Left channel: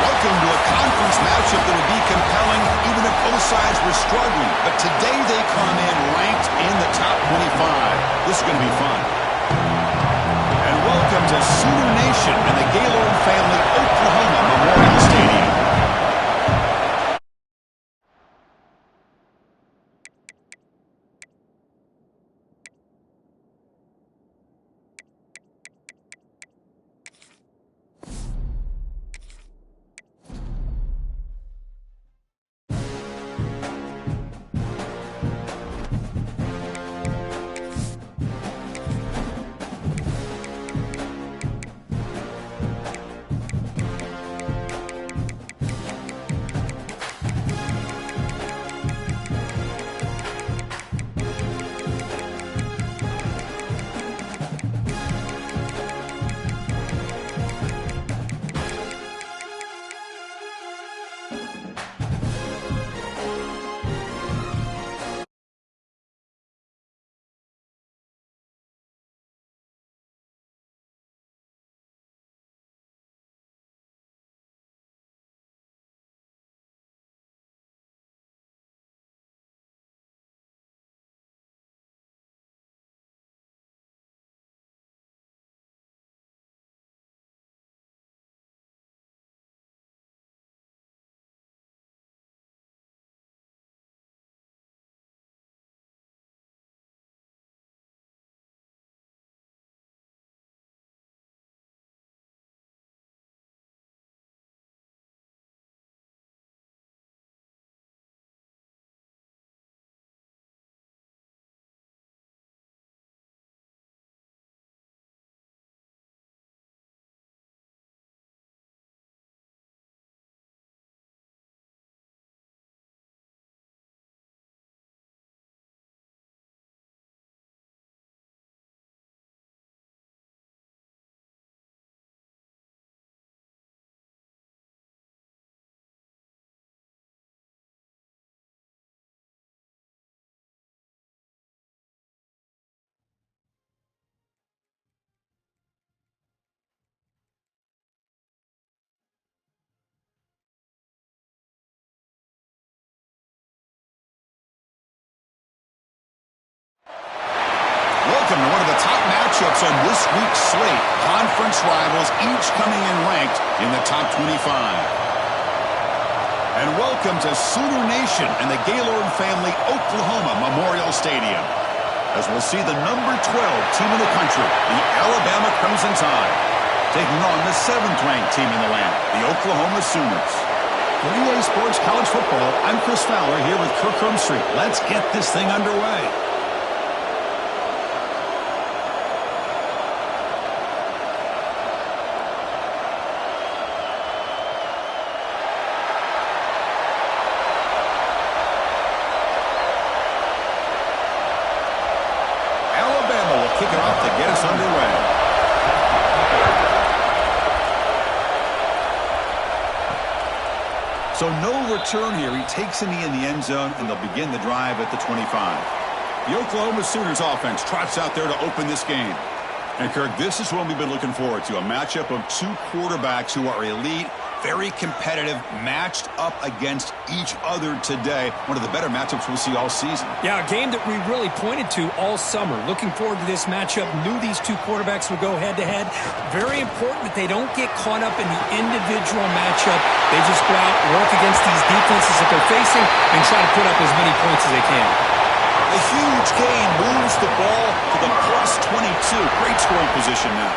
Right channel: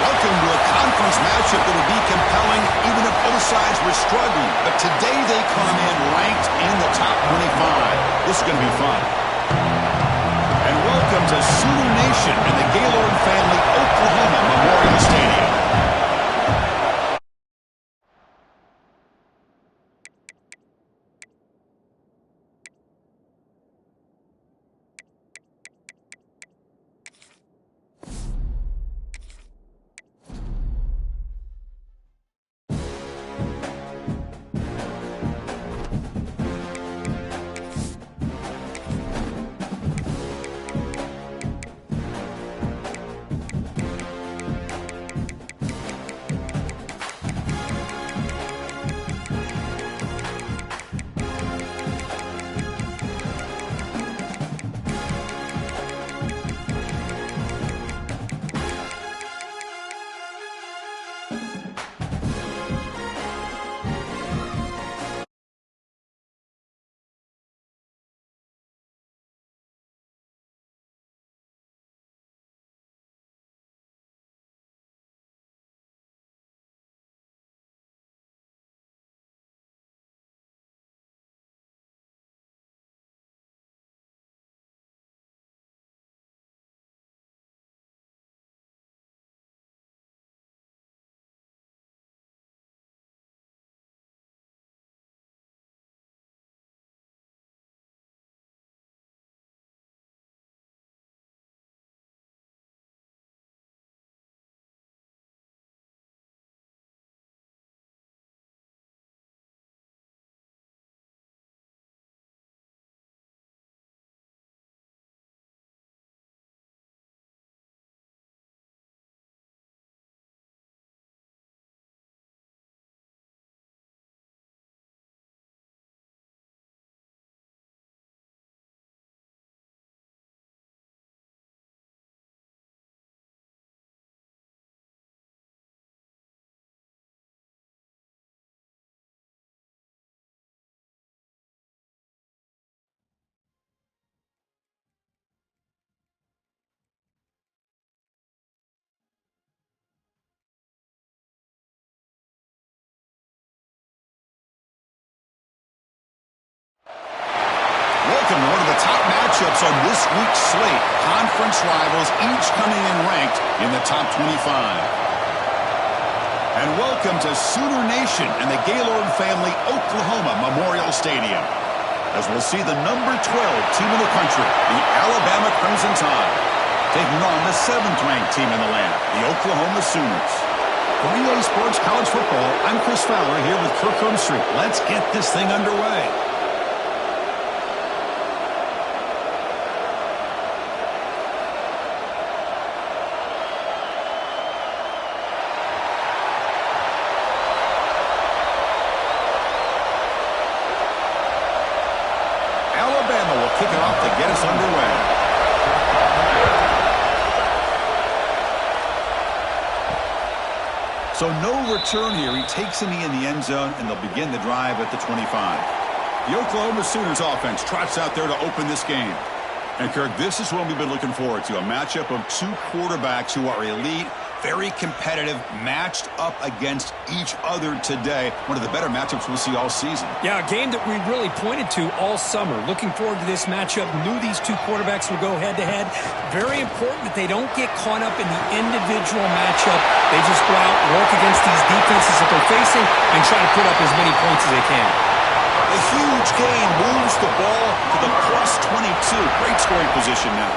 Welcome to a conference matchup that would be compelling even if both sides were struggling. But today they come in ranked in the top 25. This is going to be fun. And welcome to Sooner Nation and the Gaylord family Oklahoma Memorial Stadium. Welcome to one of the top matchups on this week's slate. Conference rivals, each coming in ranked in the top 25. And welcome to Sooner Nation and the Gaylord family Oklahoma Memorial Stadium, as we'll see the number 12 team in the country, the Alabama Crimson Tide, taking on the 7th-ranked team in the land, the Oklahoma Sooners. For EA Sports College Football, I'm Chris Fowler here with Kirk Street. Let's get this thing underway. Alabama will kick it off to get us underway. So no return here. He takes a knee in the end zone, and they'll begin the drive at the 25. The Oklahoma Sooners offense trots out there to open this game. And, Kirk, this is what we've been looking forward to, a matchup of two quarterbacks who are elite, very competitive, matched up against each other today. One of the better matchups we'll see all season. Yeah, a game that we really pointed to all summer. Looking forward to this matchup. Knew these two quarterbacks would go head-to-head. Very important that they don't get caught up in the individual matchup. They just go out, work against these defenses that they're facing, and try to put up as many points as they can. A huge gain moves the ball to the plus 22. Great scoring position now.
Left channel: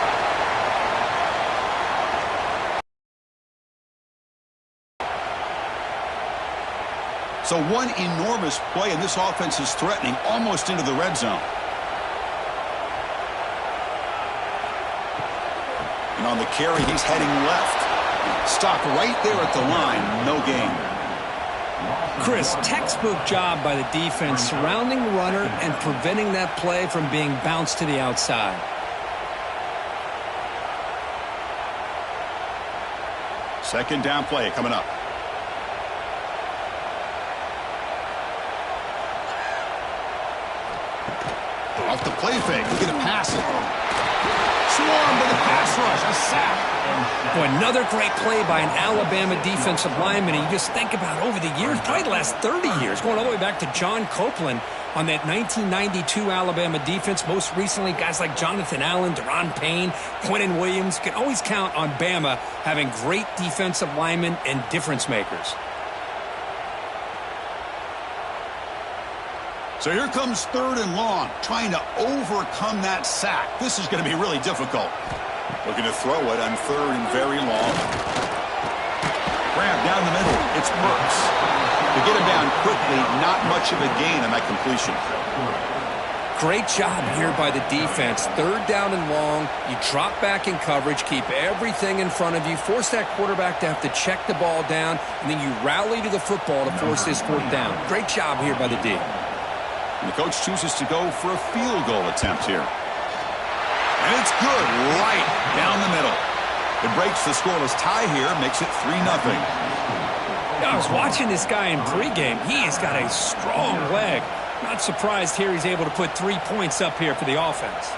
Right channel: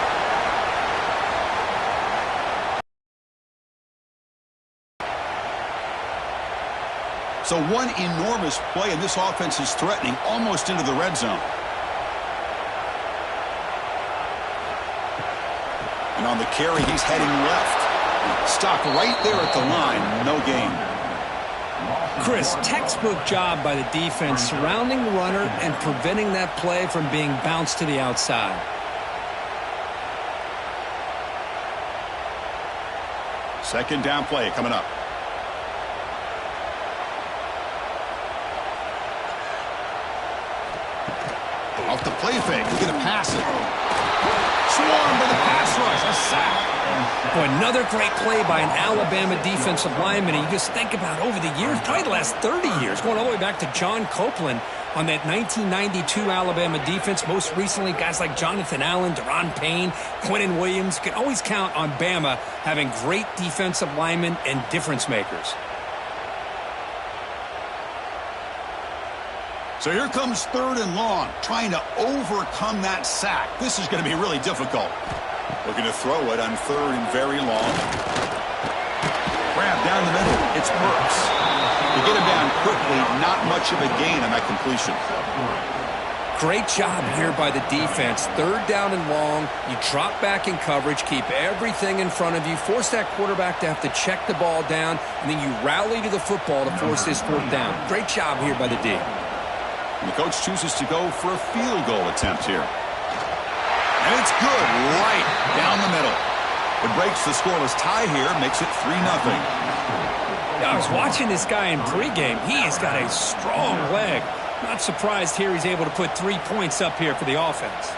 So one enormous play, and this offense is threatening almost into the red zone. And on the carry, he's heading left. Stopped right there at the line. No gain. Chris, textbook job by the defense surrounding the runner and preventing that play from being bounced to the outside. Second down play coming up. Off the play fake, he's going to pass it. Swarmed by the pass rush. A sack. Boy, another great play by an Alabama defensive lineman. And you just think about over the years, probably the last 30 years, going all the way back to John Copeland on that 1992 Alabama defense. Most recently, guys like Jonathan Allen, Deron Payne, Quinnen Williams. You can always count on Bama having great defensive linemen and difference makers. So here comes 3rd and long, trying to overcome that sack. This is going to be really difficult. Looking to throw it on 3rd and very long. Grab down the middle. It's Burks. To get him down quickly, not much of a gain on that completion. Great job here by the defense. 3rd down and long. You drop back in coverage, keep everything in front of you, force that quarterback to have to check the ball down, and then you rally to the football to force his 4th down. Great job here by the D. And the coach chooses to go for a field goal attempt here. And it's good right down the middle. It breaks the scoreless tie here, makes it 3-0. I was watching this guy in pregame. He has got a strong leg. Not surprised here he's able to put 3 points up here for the offense.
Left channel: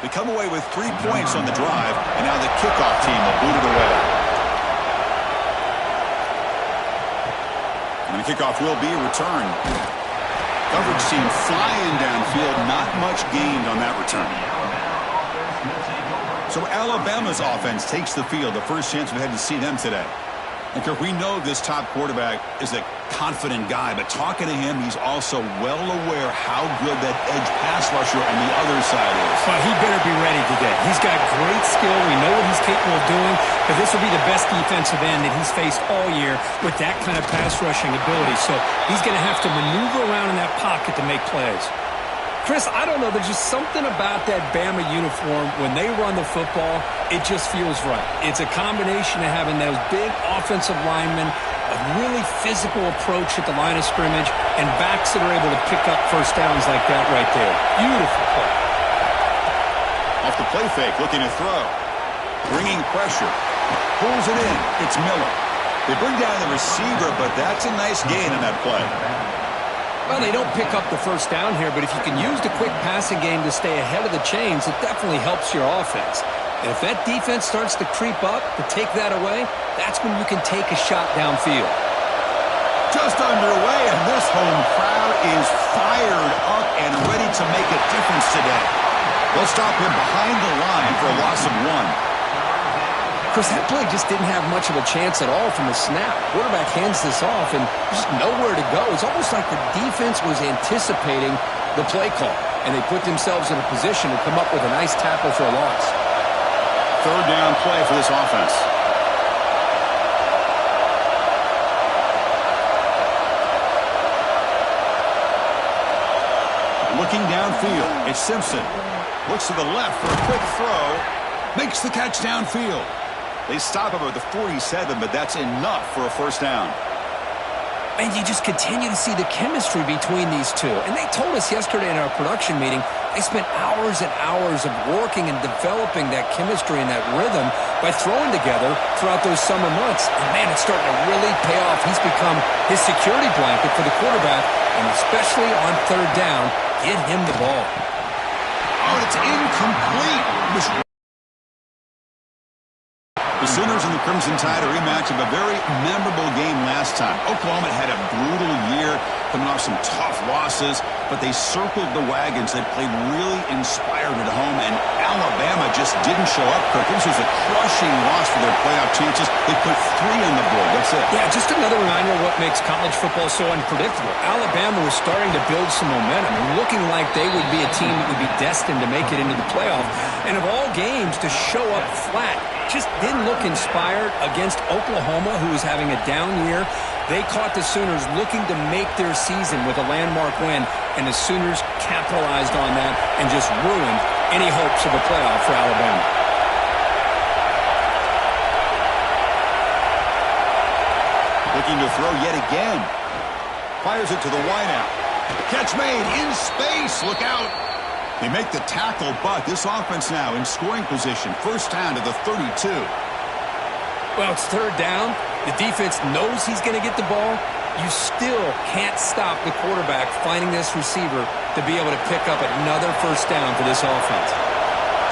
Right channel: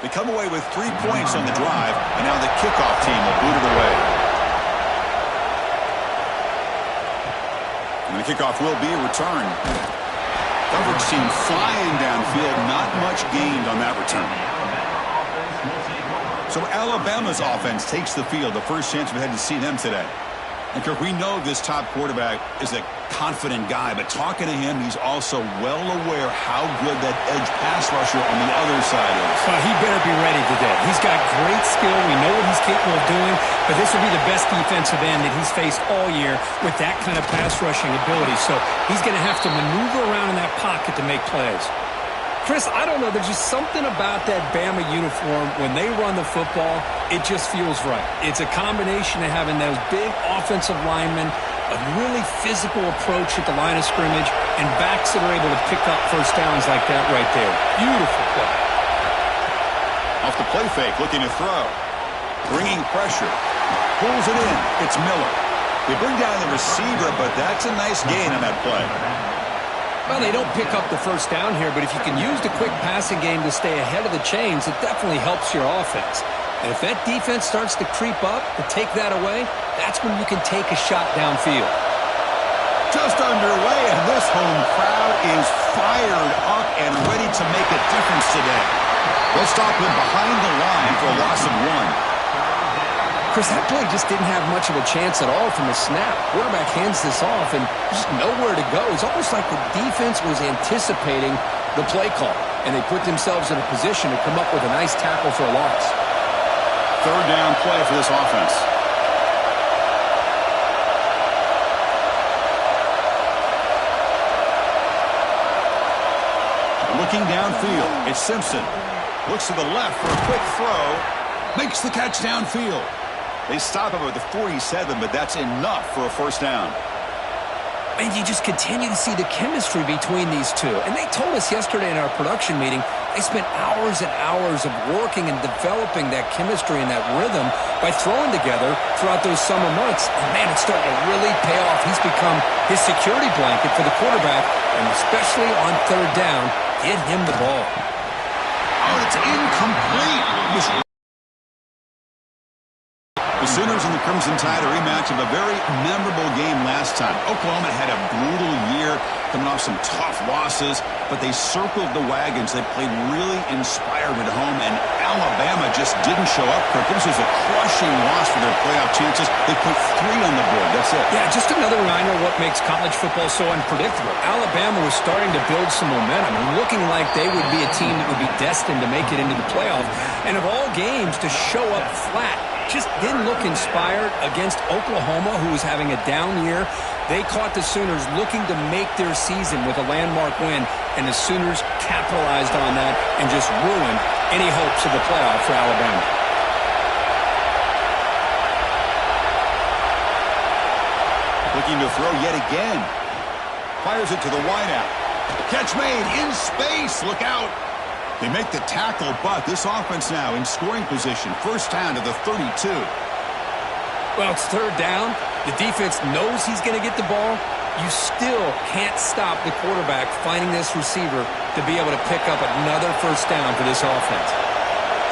They come away with 3 points on the drive, and now the kickoff team will boot it away. And the kickoff will be returned. Coverage team flying downfield, not much gained on that return. So Alabama's offense takes the field, the first chance we've had to see them today. And Kirk, we know this top quarterback is a confident guy, but talking to him, he's also well aware how good that edge pass rusher on the other side is. Well, he better be ready today. He's got great skill. We know what he's capable of doing, but this will be the best defensive end that he's faced all year with that kind of pass rushing ability. So he's going to have to maneuver around in that pocket to make plays. Chris, I don't know. There's just something about that Bama uniform. When they run the football, it just feels right. It's a combination of having those big offensive linemen, a really physical approach at the line of scrimmage, and backs that are able to pick up first downs like that right there. Beautiful play. Off the play fake, looking to throw. Bringing pressure. Pulls it in. It's Miller. They bring down the receiver, but that's a nice gain on that play. Well, they don't pick up the first down here, but if you can use the quick passing game to stay ahead of the chains, it definitely helps your offense. And if that defense starts to creep up to take that away, that's when you can take a shot downfield. Just underway, and this home crowd is fired up and ready to make a difference today. They'll stop him behind the line for a loss of 1. Chris, that play just didn't have much of a chance at all from the snap. Quarterback hands this off, and just nowhere to go. It's almost like the defense was anticipating the play call, and they put themselves in a position to come up with a nice tackle for a loss. 3rd down play for this offense. Looking downfield, it's Simpson. Looks to the left for a quick throw. Makes the catch downfield. They stop him at the 47, but that's enough for a first down. And you just continue to see the chemistry between these two. And they told us yesterday in our production meeting, they spent hours and hours of working and developing that chemistry and that rhythm by throwing together throughout those summer months. And, man, it's starting to really pay off. He's become his security blanket for the quarterback, and especially on 3rd down, get him the ball. Oh, it's incomplete. The Sooners and the Crimson Tide, a rematch of a very memorable game last time. Oklahoma had a brutal year, coming off some tough losses, but they circled the wagons. They played really inspired at home, and Alabama just didn't show up, Kirk. This was a crushing loss for their playoff chances. They put 3 on the board. That's it. Yeah, just another reminder of what makes college football so unpredictable. Alabama was starting to build some momentum and looking like they would be a team that would be destined to make it into the playoff. And of all games, to show up flat, just didn't look inspired against Oklahoma, who was having a down year. They caught the Sooners looking to make their season with a landmark win, and the Sooners capitalized on that and just ruined any hopes of the playoff for Alabama. Looking to throw yet again. Fires it to the wideout. Catch made in space. Look out. They make the tackle, but this offense now in scoring position. First down to the 32. Well, it's 3rd down. The defense knows he's going to get the ball. You still can't stop the quarterback finding this receiver to be able to pick up another first down for this offense.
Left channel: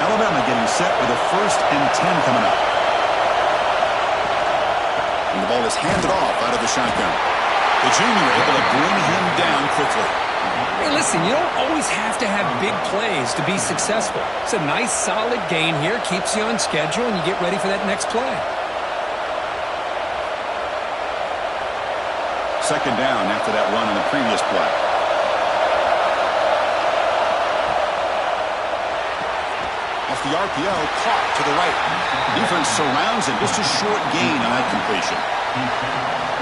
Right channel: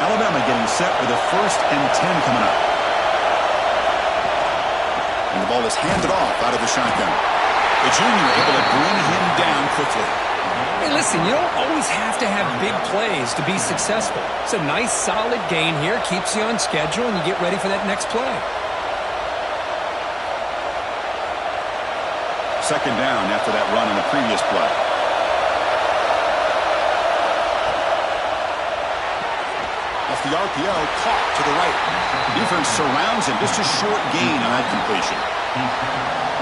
Alabama getting set with a 1st and 10 coming up. And the ball is handed off out of the shotgun. The junior able to bring him down quickly. Hey, listen, you don't always have to have big plays to be successful. It's a nice, solid gain here. Keeps you on schedule, and you get ready for that next play. 2nd down after that run on the previous play. Off the RPO, caught to the right. Defense surrounds him. Just a short gain on that completion.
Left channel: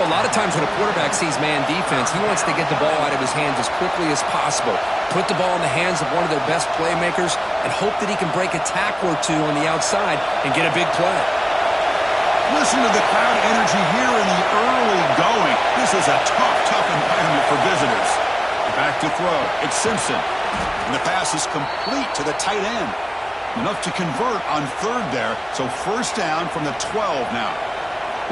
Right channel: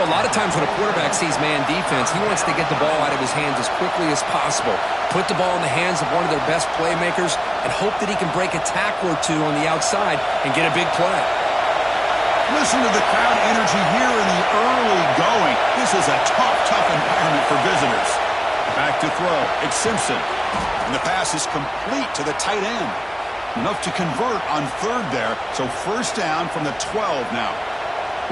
Well, a lot of times when a quarterback sees man defense, he wants to get the ball out of his hands as quickly as possible, put the ball in the hands of one of their best playmakers, and hope that he can break a tackle or two on the outside and get a big play. Listen to the crowd energy here in the early going. This is a tough environment for visitors. Back to throw. It's Simpson. And the pass is complete to the tight end. Enough to convert on 3rd there. So 1st down from the 12 now.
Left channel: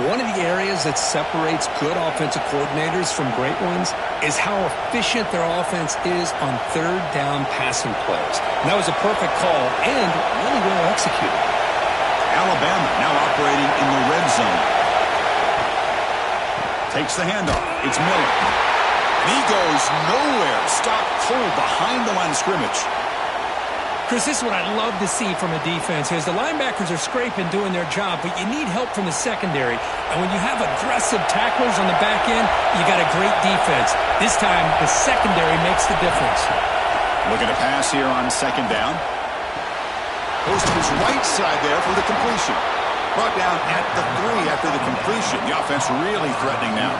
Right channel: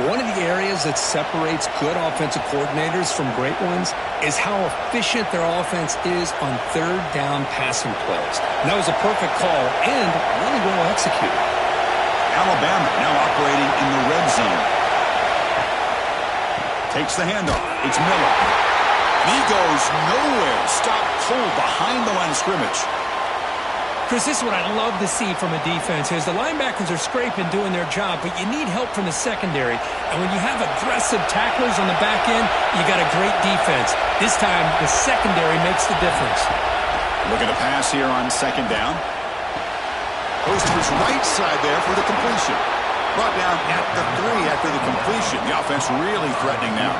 One of the areas that separates good offensive coordinators from great ones is how efficient their offense is on 3rd down passing plays. And that was a perfect call and really well executed. Alabama now operating in the red zone. Takes the handoff. It's Miller. And he goes nowhere. Stopped cold behind the line of scrimmage. Chris, this is what I love to see from a defense is the linebackers are scraping, doing their job, but you need help from the secondary. And when you have aggressive tacklers on the back end, you got a great defense. This time, the secondary makes the difference. Looking to pass here on 2nd down. Goes to his right side there for the completion. Brought down at the 3 after the completion. The offense really threatening now.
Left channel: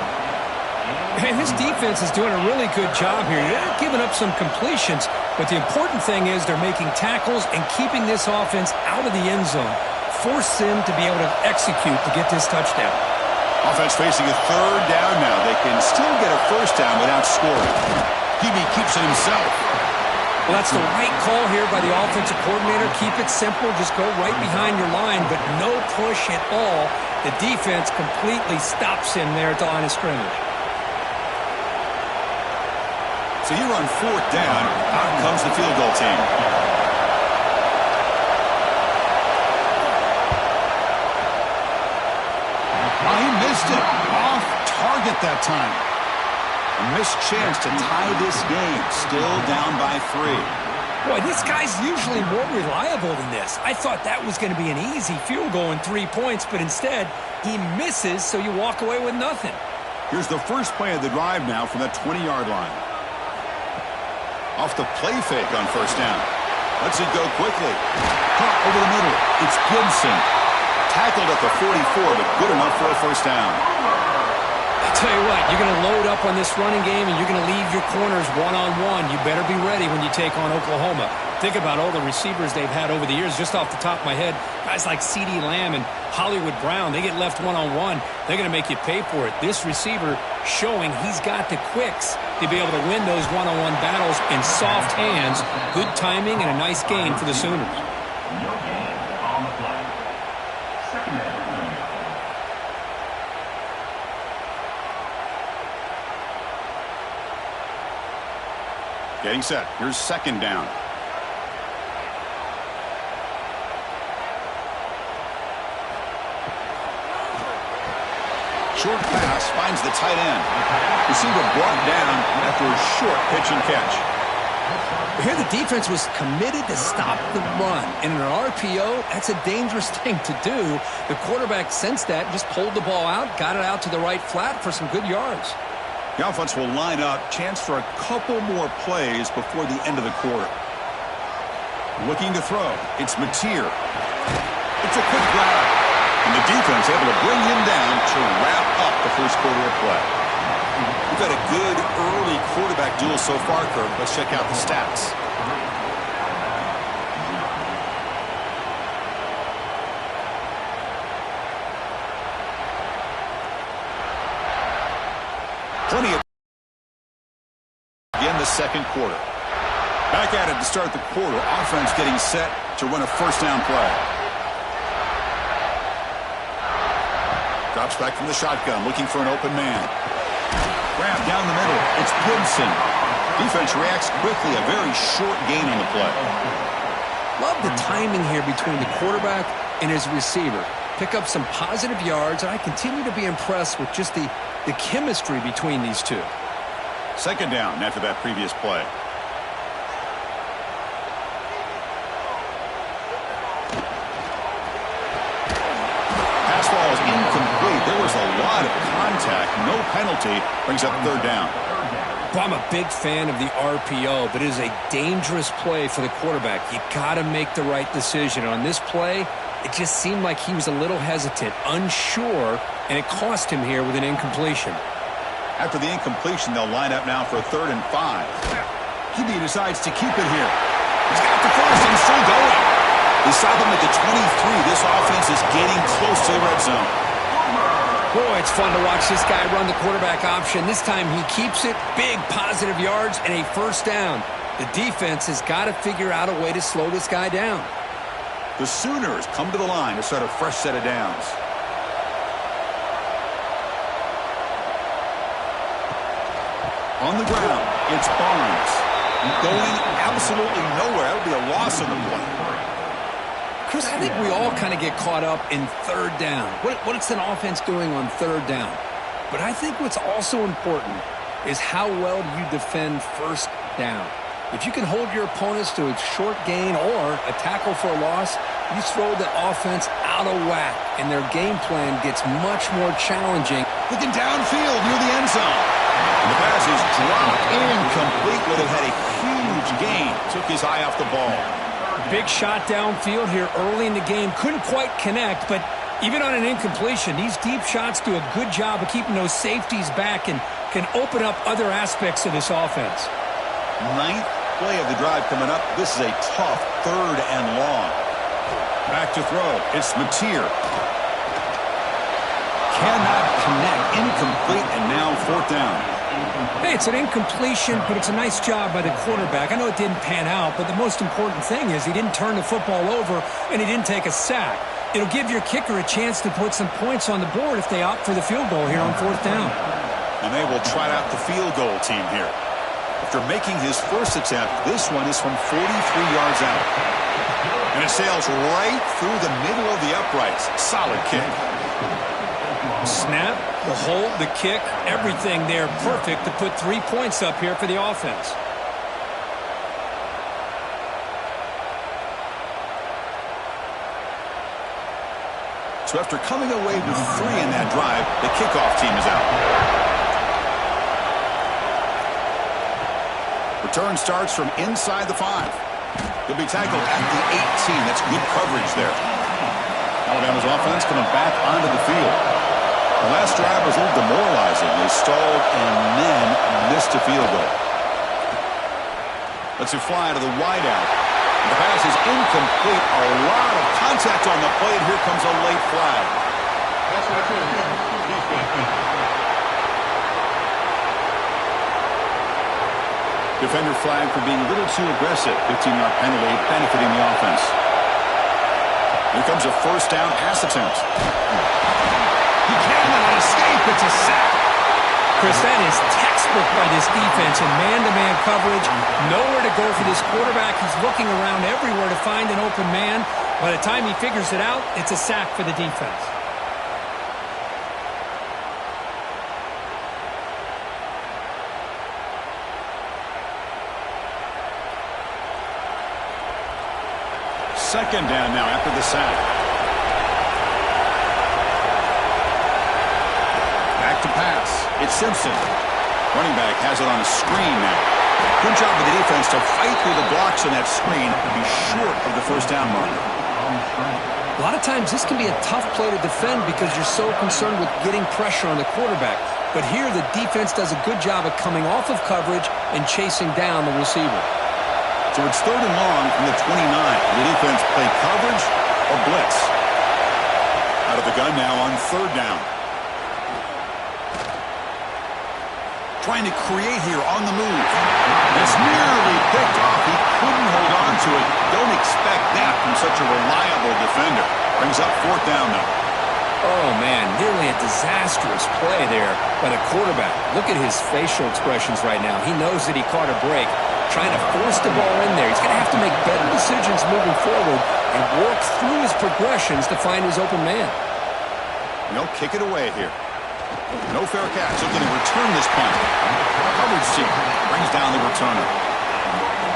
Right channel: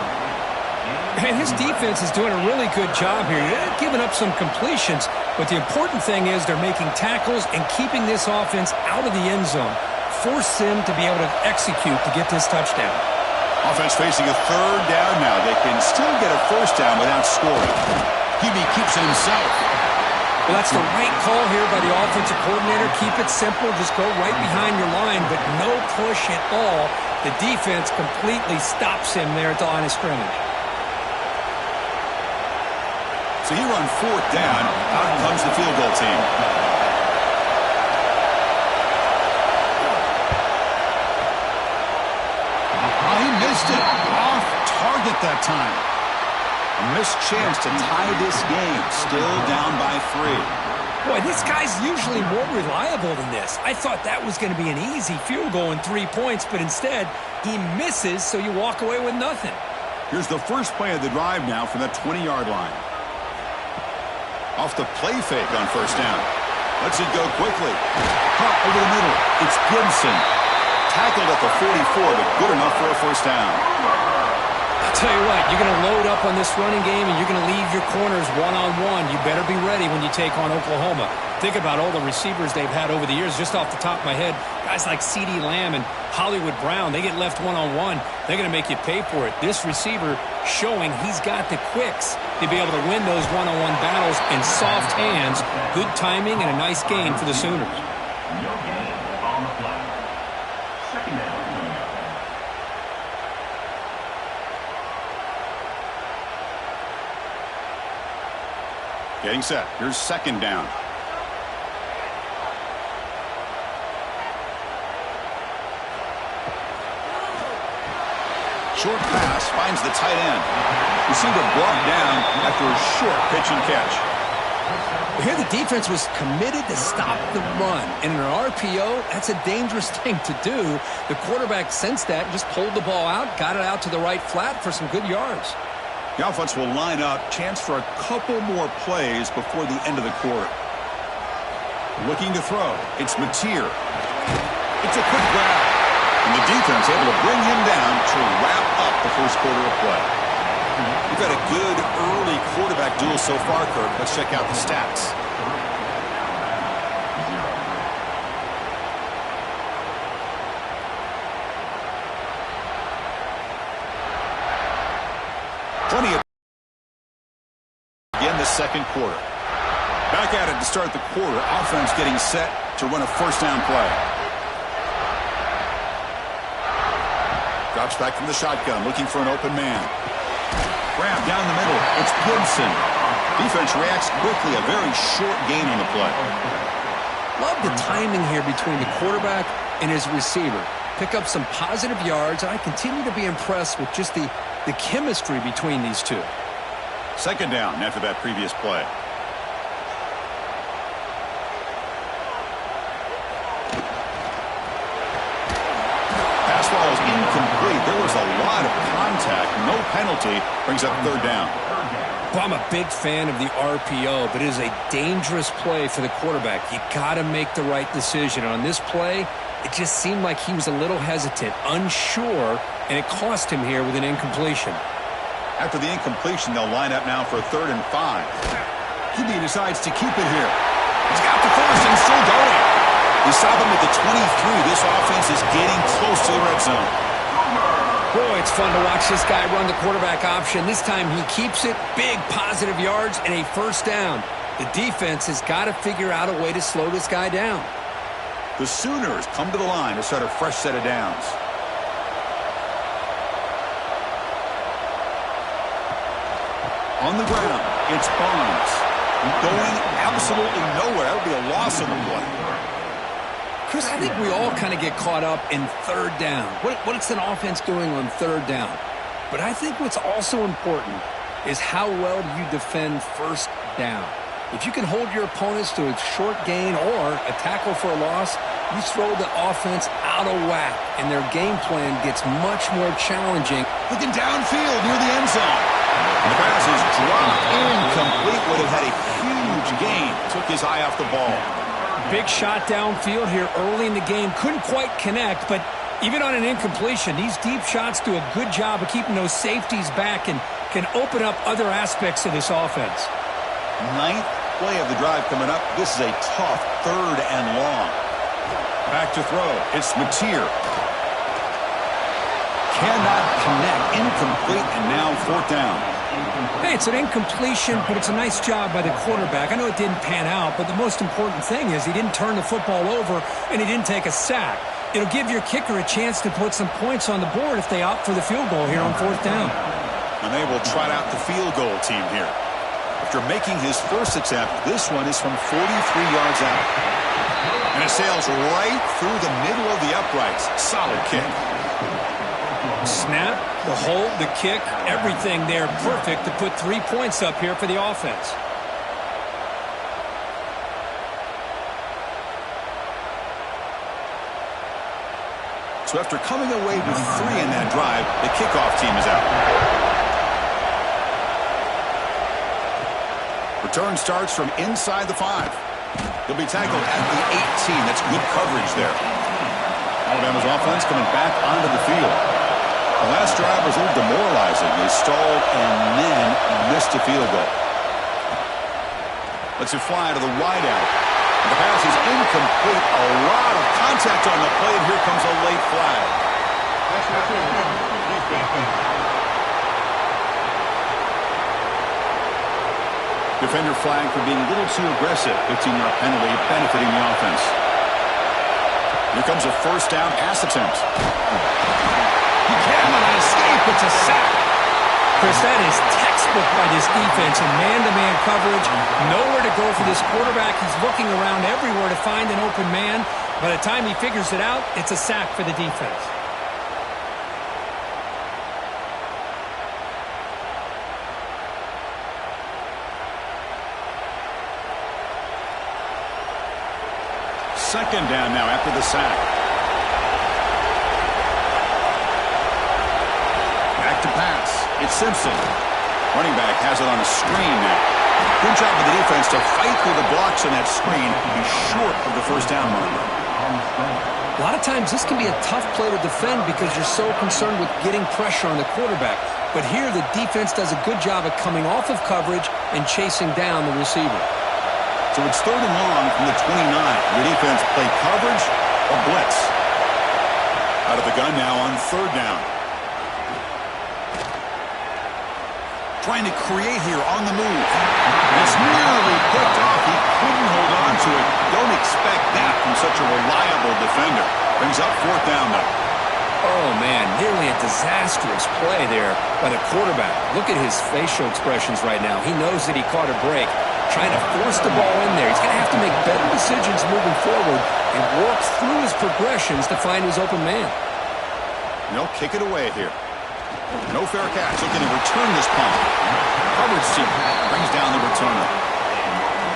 And his defense is doing a really good job here. They're giving up some completions, but the important thing is they're making tackles and keeping this offense out of the end zone. Force them to be able to execute to get this touchdown. Offense facing a 3rd down now. They can still get a 1st down without scoring. QB keeps it himself. Well, that's the right call here by the offensive coordinator. Keep it simple. Just go right behind your line, but no push at all. The defense completely stops him there at the line of scrimmage. So here on 4th down, out comes the field goal team. Oh, he missed it. Off target that time. A missed chance to tie this game. Still down by 3. Boy, this guy's usually more reliable than this. I thought that was going to be an easy field goal and 3 points, but instead, he misses, so you walk away with nothing. Here's the first play of the drive now from that 20-yard line. Off the play fake on 1st down. Lets it go quickly. Caught over the middle. It's Gibson. Tackled at the 44, but good enough for a 1st down. I'll tell you what, you're going to load up on this running game, and you're going to leave your corners one-on-one. You better be ready when you take on Oklahoma. Think about all the receivers they've had over the years. Just off the top of my head, guys like CeeDee Lamb and Hollywood Brown, they get left one-on-one. They're going to make you pay for it. This receiver showing he's got the quicks to be able to win those one-on-one battles in soft hands. Good timing and a nice gain for the Sooners. No gain on the flag. 2nd down. Getting set. Here's 2nd down. Short pass finds the tight end. Receiver brought down after a short pitch and catch. Here the defense was committed to stop the run. And in an RPO, that's a dangerous thing to do. The quarterback sensed that and just pulled the ball out, got it out to the right flat for some good yards. The offense will line up. Chance for a couple more plays before the end of the quarter. Looking to throw. It's Mateer. It's a quick grab. And the defense able to bring him down to wrap up the first quarter of play. We've had a good early quarterback duel so far, Kirk. Let's check out the stats. Plenty of again the second quarter. Back at it to start the quarter. Offense getting set to run a 1st down play. Drops back from the shotgun, looking for an open man. Grab down the middle. It's Gibson. Defense reacts quickly. A very short gain on the play. Love the timing here between the quarterback and his receiver. Pick up some positive yards, and I continue to be impressed with just the chemistry between these two. Second down after that previous play. Pass ball is incomplete. There was a lot of contact. No penalty. Brings up third down. Well, I'm a big fan of the RPO, but it is a dangerous play for the quarterback. You got to make the right decision. On this play, it just seemed like he was a little hesitant, unsure, and it cost him here with an incompletion. After the incompletion, they'll line up now for a 3rd and 5. QB decides to keep it here. He's got the first and still going. They stop him at the 23. This offense is getting close to the red zone. Boy, it's fun to watch this guy run the quarterback option. This time he keeps it. Big positive yards and a first down. The defense has got to figure out a way to slow this guy down. The Sooners come to the line to start a fresh set of downs. On the ground, it's Barnes. Going absolutely nowhere. That would be a loss on the play. Chris, I think we all kind of get caught up in third down. What's an offense doing on third down? But I think what's also important is how well you defend first down. If you can hold your opponents to a short gain or a tackle for a loss, you throw the offense out of whack, and their game plan gets much more challenging. Looking downfield near the end zone. And the pass is dropped incomplete. Would have had a huge gain. Took his eye off the ball. Big shot downfield here early in the game. Couldn't quite connect, but even on an incompletion, these deep shots do a good job of keeping those safeties back and can open up other aspects of this offense. 9th play of the drive coming up. This is a tough 3rd and long. Back to throw. It's Mateer. Cannot connect. Incomplete, and now 4th down. Hey, it's an incompletion, but it's a nice job by the quarterback. I know it didn't pan out, but the most important thing is he didn't turn the football over and he didn't take a sack. It'll give your kicker a chance to put some points on the board if they opt for the field goal here on 4th down. And they will trot out the field goal team here. After making his first attempt, this one is from 43 yards out. And it sails right through the middle of the uprights. Solid kick. Snap, the hold, the kick, everything there perfect to put 3 points up here for the offense. So after coming away with 3 in that drive, the kickoff team is out. Return starts from inside the 5. He'll be tackled at the 18. That's good coverage there. Alabama's offense coming back onto the field. The last drive was a little demoralizing. They stalled and then missed a field goal. Lets it fly to the wideout. The pass is incomplete. A lot of contact on the play, and here comes a late flag. Defender flag for being a little too aggressive. 15-yard penalty benefiting the offense. Here comes a first down pass attempt. He cannot escape. It's a sack. Chris, that is textbook by this defense in man-to-man coverage. Nowhere to go for this quarterback. He's looking around everywhere to find an open man. By the time he figures it out, it's a sack for the defense. Second down now after the sack. Back to pass. It's Simpson. Running back has it on a screen now. Good job by the defense to fight through the blocks on that screen and be short of the first down marker. A lot of times this can be a tough play to defend because you're so concerned with getting pressure on the quarterback. But here the defense does a good job of coming off of coverage and chasing down the receiver. So it's 3rd and long from the 29. The defense play coverage or blitz. Out of the gun now on 3rd down. Trying to create here on the move. It's nearly picked off. He couldn't hold on to it. Don't expect that from such a reliable defender. Brings up 4th down now. Oh, man, nearly a disastrous play there by the quarterback. Look at his facial expressions right now. He knows that he caught a break, trying to force the ball in there. He's going to have to make better decisions moving forward and work through his progressions to find his open man. And they'll kick it away here. No fair catch. Looking to return this punt. Coverage team brings down the returner.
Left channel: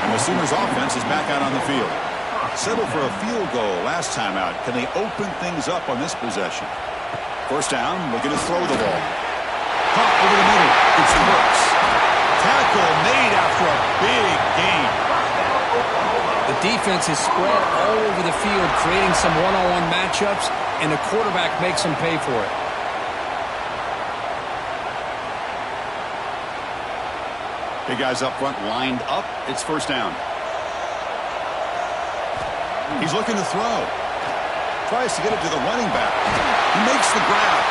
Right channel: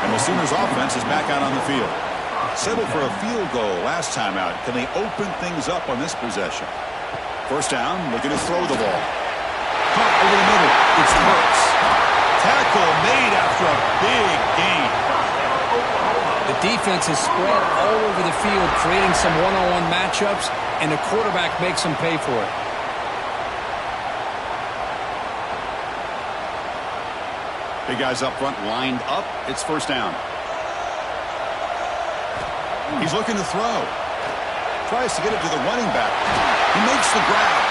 And the Sooners offense is back out on the field. Settled for a field goal last time out. Can they open things up on this possession? First down, looking to throw the ball. Caught over the middle. It's Burks. Tackle made after a big gain. The defense is spread all over the field, creating some one-on-one matchups, and the quarterback makes them pay for it. Big guys up front lined up. It's first down. He's looking to throw. Tries to get it to the running back. He makes the grab.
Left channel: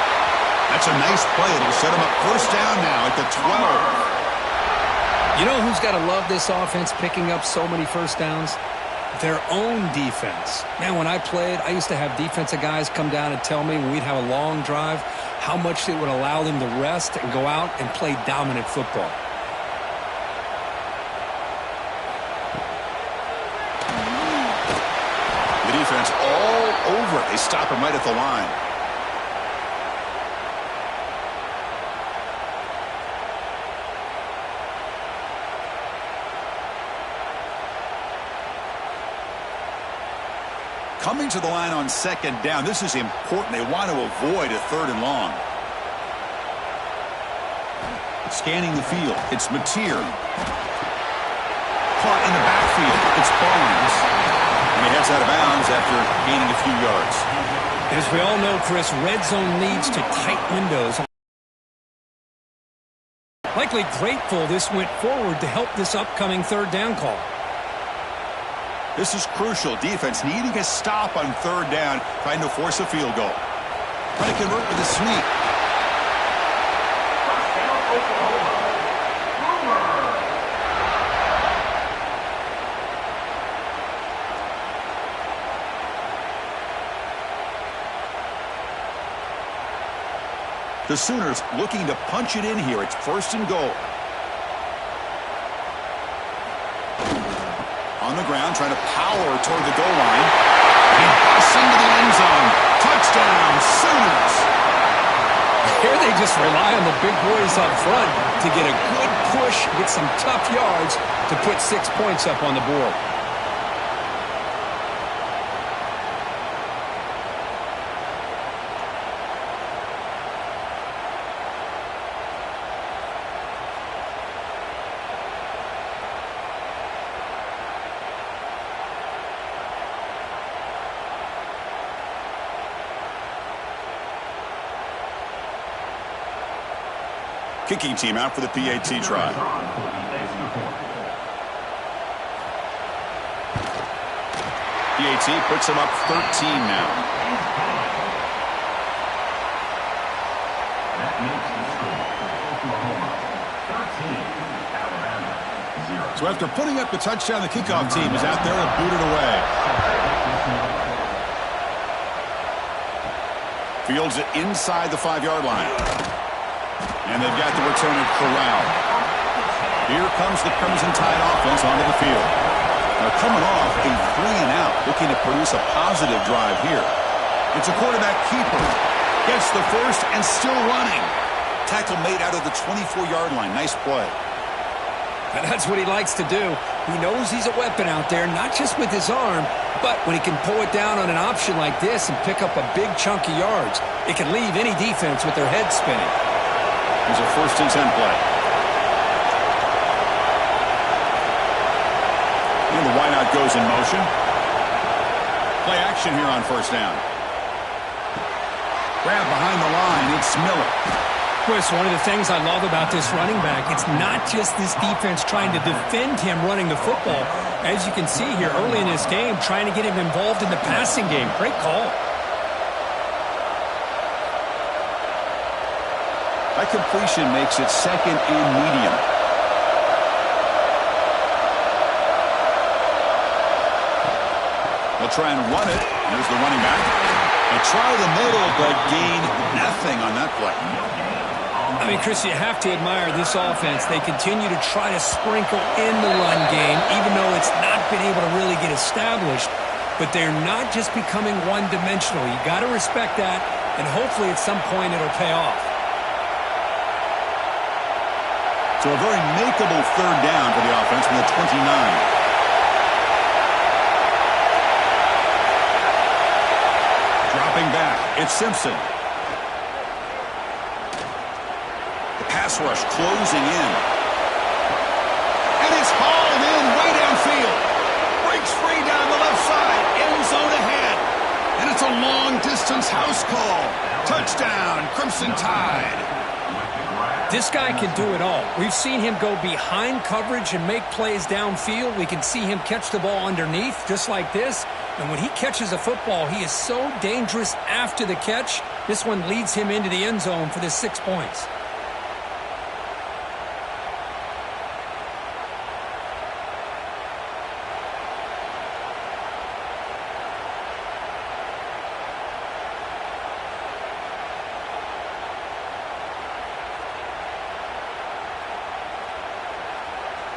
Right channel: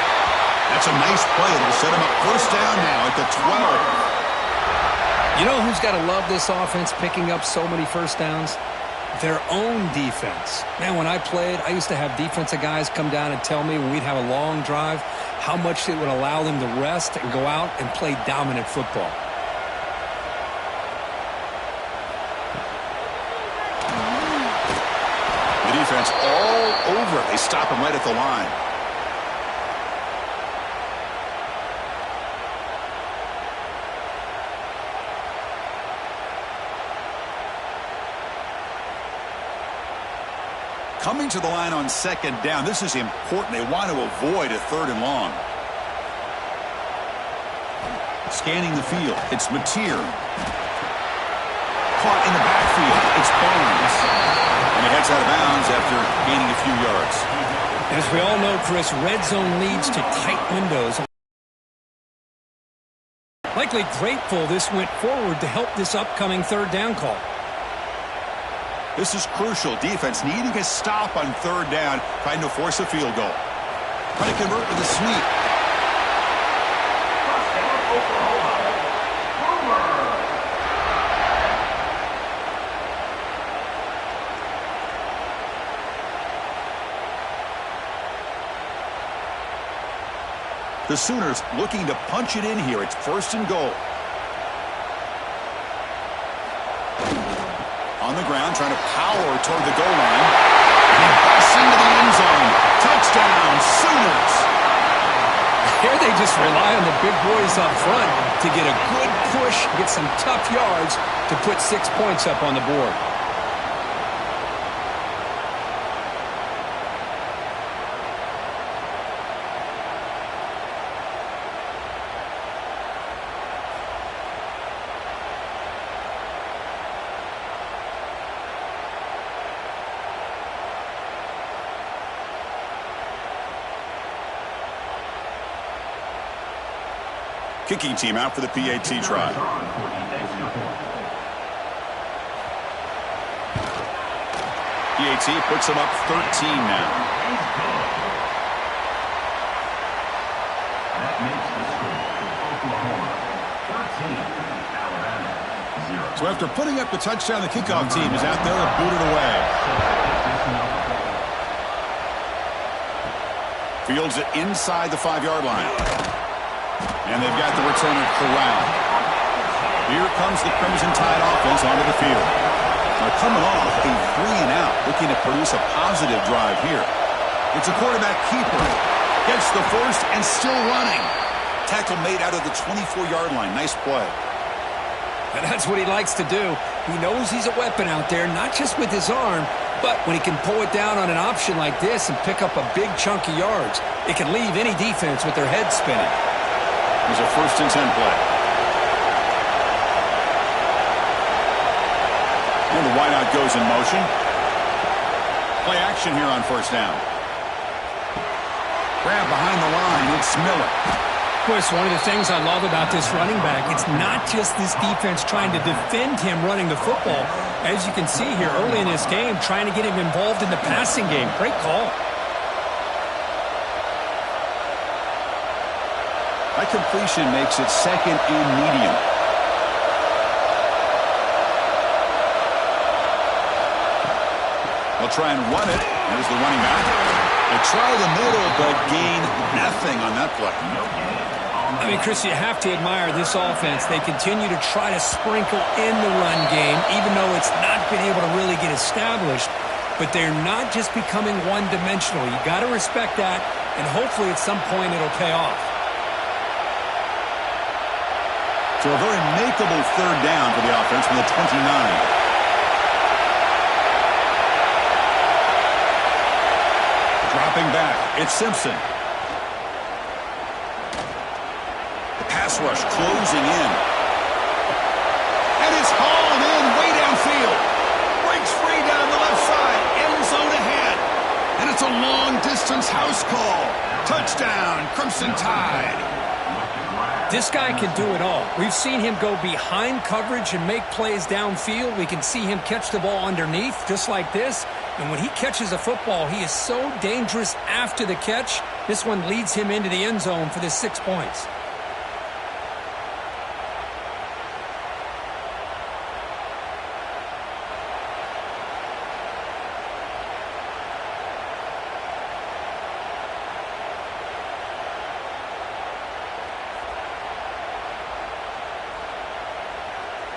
That's a nice play. It'll set him up first down now at the 12. You know who's got to love this offense picking up so many first downs? Their own defense. Man, when I played, I used to have defensive guys come down and tell me when we'd have a long drive how much it would allow them to rest and go out and play dominant football. Defense all over it. They stop him right at the line. Coming to the line on second down. This is important. They want to avoid a third and long. Scanning the field. It's Mateer. Caught in the backfield. It's Barnes. And he heads out of bounds after gaining a few yards. As we all know, Chris, red zone leads to tight windows. Likely grateful this went forward to help this upcoming third down call. This is crucial. Defense needing a stop on third down, trying to force a field goal. Trying to convert with a sneak. Touchdown, Oklahoma. Boomer. The Sooners looking to punch it in here. It's first and goal. On the ground, trying to power toward the goal line. He busts into the end zone. Touchdown, Sooners. Here they just rely on the big boys up front to get a good push, get some tough yards to put 6 points up on the board. Kicking team out for the PAT try. PAT puts them up 13 now. That makes the score. Oklahoma 13, Alabama 0. So after putting up the touchdown, the kickoff team is out there and booted away. Fields it inside the 5-yard line. And they've got the returner corralled. Here comes the Crimson Tide offense onto the field. They're coming off a 3-and-out, looking to produce a positive drive here. It's a quarterback keeper. Gets the first and still running. Tackle made out of the 24-yard line. Nice play. And that's what he likes to do. He knows he's a weapon out there, not just with his arm, but when he can pull it down on an option like this and pick up a big chunk of yards, it can leave any defense with their head spinning. Here's a 1st and 10 play. And the wideout goes in motion. Play action here on first down. Grab behind the line. It's Miller. Chris, one of the things I love about this running back, it's not just this defense trying to defend him running the football. As you can see here early in this game, trying to get him involved in the passing game. Great call. That completion makes it second and medium. They'll try and run it. There's the running back. They try the middle, but gain nothing on that play. I mean, Chris, you have to admire this offense. They continue to try to sprinkle in the run game, even though it's not been able to really get established. But they're not just becoming one-dimensional. You got to respect that, and hopefully at some point it'll pay off. So a very makeable third down for the offense from the 29. Dropping back, it's Simpson. The pass rush closing in. And it's hauled in way downfield. Breaks free down the left side. End zone ahead. And it's a long-distance house call. Touchdown, Crimson Tide. This guy can do it all. We've seen him go behind coverage and make plays downfield. We can see him catch the ball underneath, just like this. And when he catches a football, he is so dangerous after the catch. This one leads him into the end zone for the 6 points.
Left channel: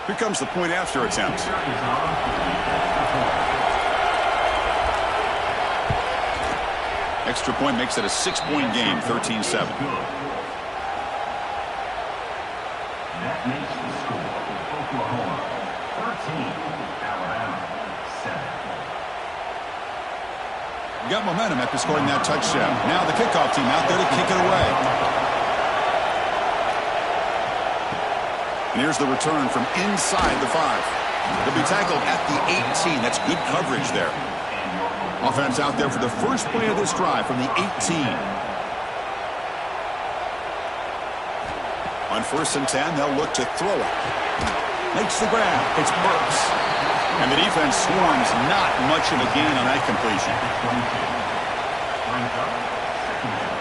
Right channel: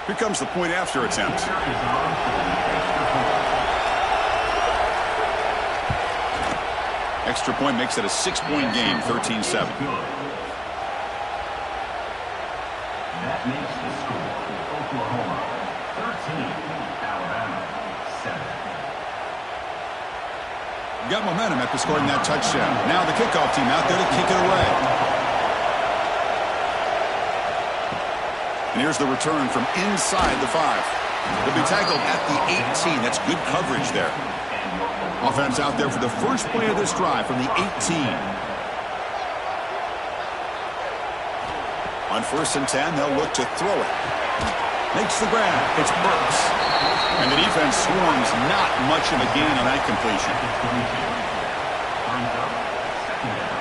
Here comes the point after attempt. Extra point makes it a 6-point game, 13-7. That makes the score Oklahoma 13, Alabama 7. Got momentum after scoring that touchdown. Now the kickoff team out there to kick it away. And here's the return from inside the 5. He'll be tackled at the 18. That's good coverage there. Offense out there for the first play of this drive from the 18. On 1st and 10, they'll look to throw it. Makes the grab. It's Burks. And the defense swarms, not much of a gain on that completion. Brings up second down.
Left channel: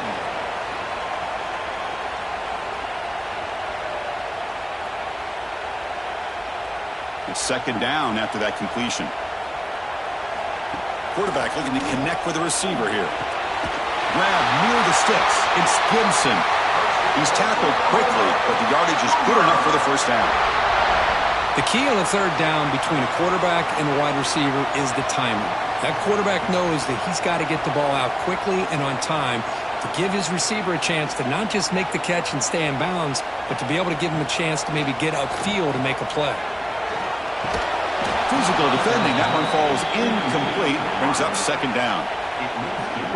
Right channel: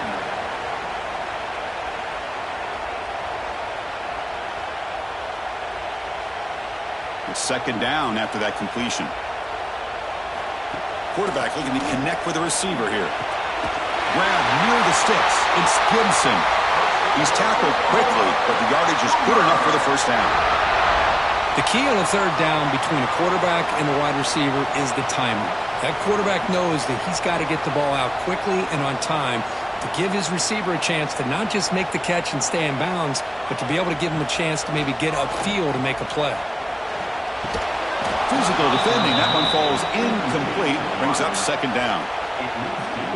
It's second down after that completion. Quarterback looking to connect with the receiver here. Grab near the sticks. It's Gibson. He's tackled quickly, but the yardage is good enough for the first down. The key on a third down between a quarterback and the wide receiver is the timing. That quarterback knows that he's got to get the ball out quickly and on time to give his receiver a chance to not just make the catch and stay in bounds, but to be able to give him a chance to maybe get upfield and make a play. Physical defending. That one falls incomplete. Brings up second down.